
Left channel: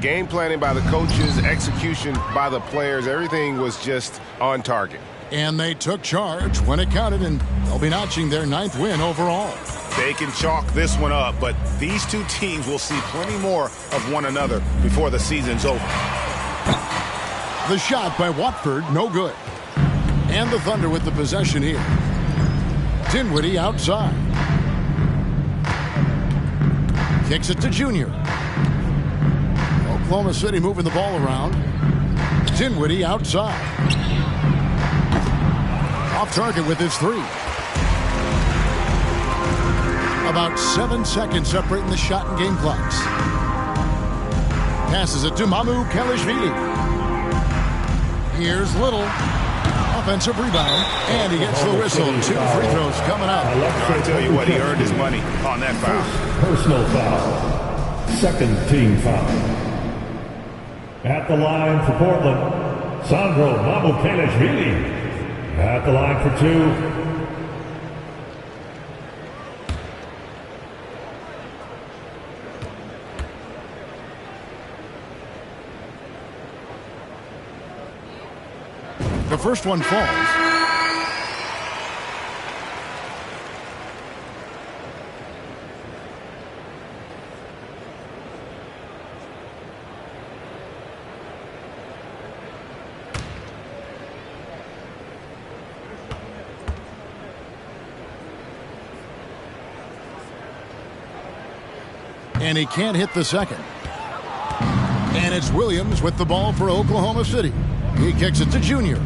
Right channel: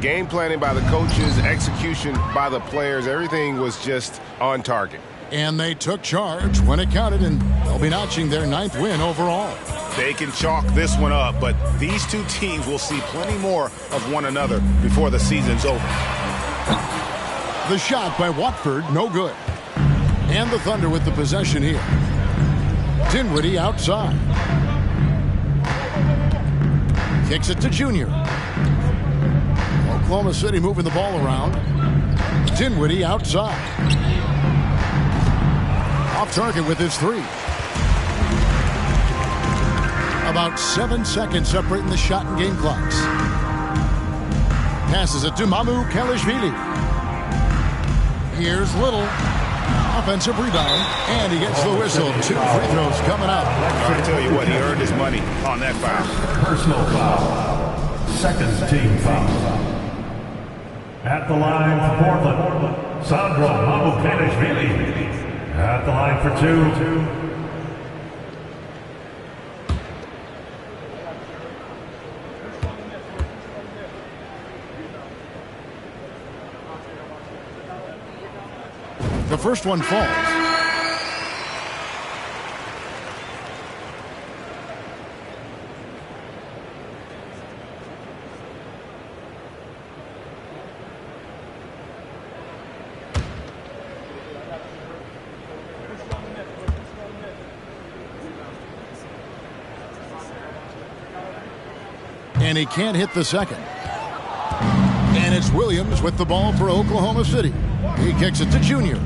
Game planning by the coaches, execution by the players, everything was just on target. And they took charge when it counted, and they'll be notching their 9th win overall. They can chalk this one up, but these two teams will see plenty more of one another before the season's over. The shot by Watford, no good. And the Thunder with the possession here. Dinwiddie outside. Kicks it to Junior. Oklahoma City moving the ball around. Dinwiddie outside. Off target with his three. About 7 seconds separating the shot and game clocks. Passes it to Mamu Kelishvili. Here's Little. Offensive rebound. And he gets the whistle. 2 free throws coming up. I tell you what, he earned his money on that foul. Personal foul. Second team foul. At the line for Portland, Sandro Mamukelishvili. At the line for 2. The first one falls. And he can't hit the second. And it's Williams with the ball for Oklahoma City. He kicks it to Junior.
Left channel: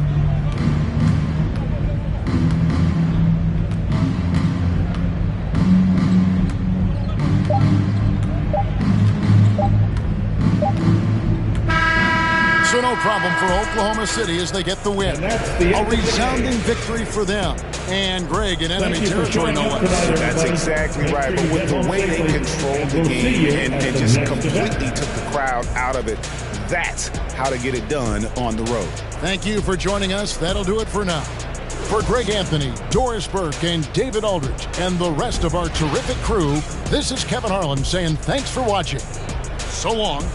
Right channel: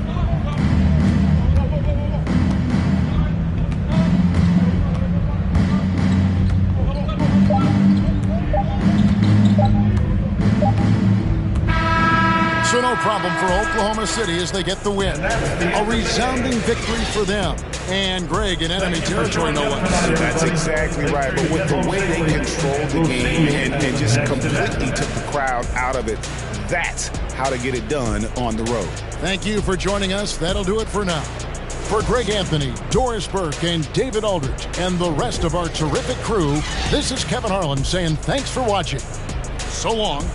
So no problem for Oklahoma City as they get the win. A resounding victory for them. And Greg in enemy territory, no less. That's exactly right. But with the way they controlled the game and just completely took the crowd out of it, that's how to get it done on the road. Thank you for joining us. That'll do it for now. For Greg Anthony, Doris Burke, and David Aldridge, and the rest of our terrific crew, this is Kevin Harlan saying thanks for watching. So long.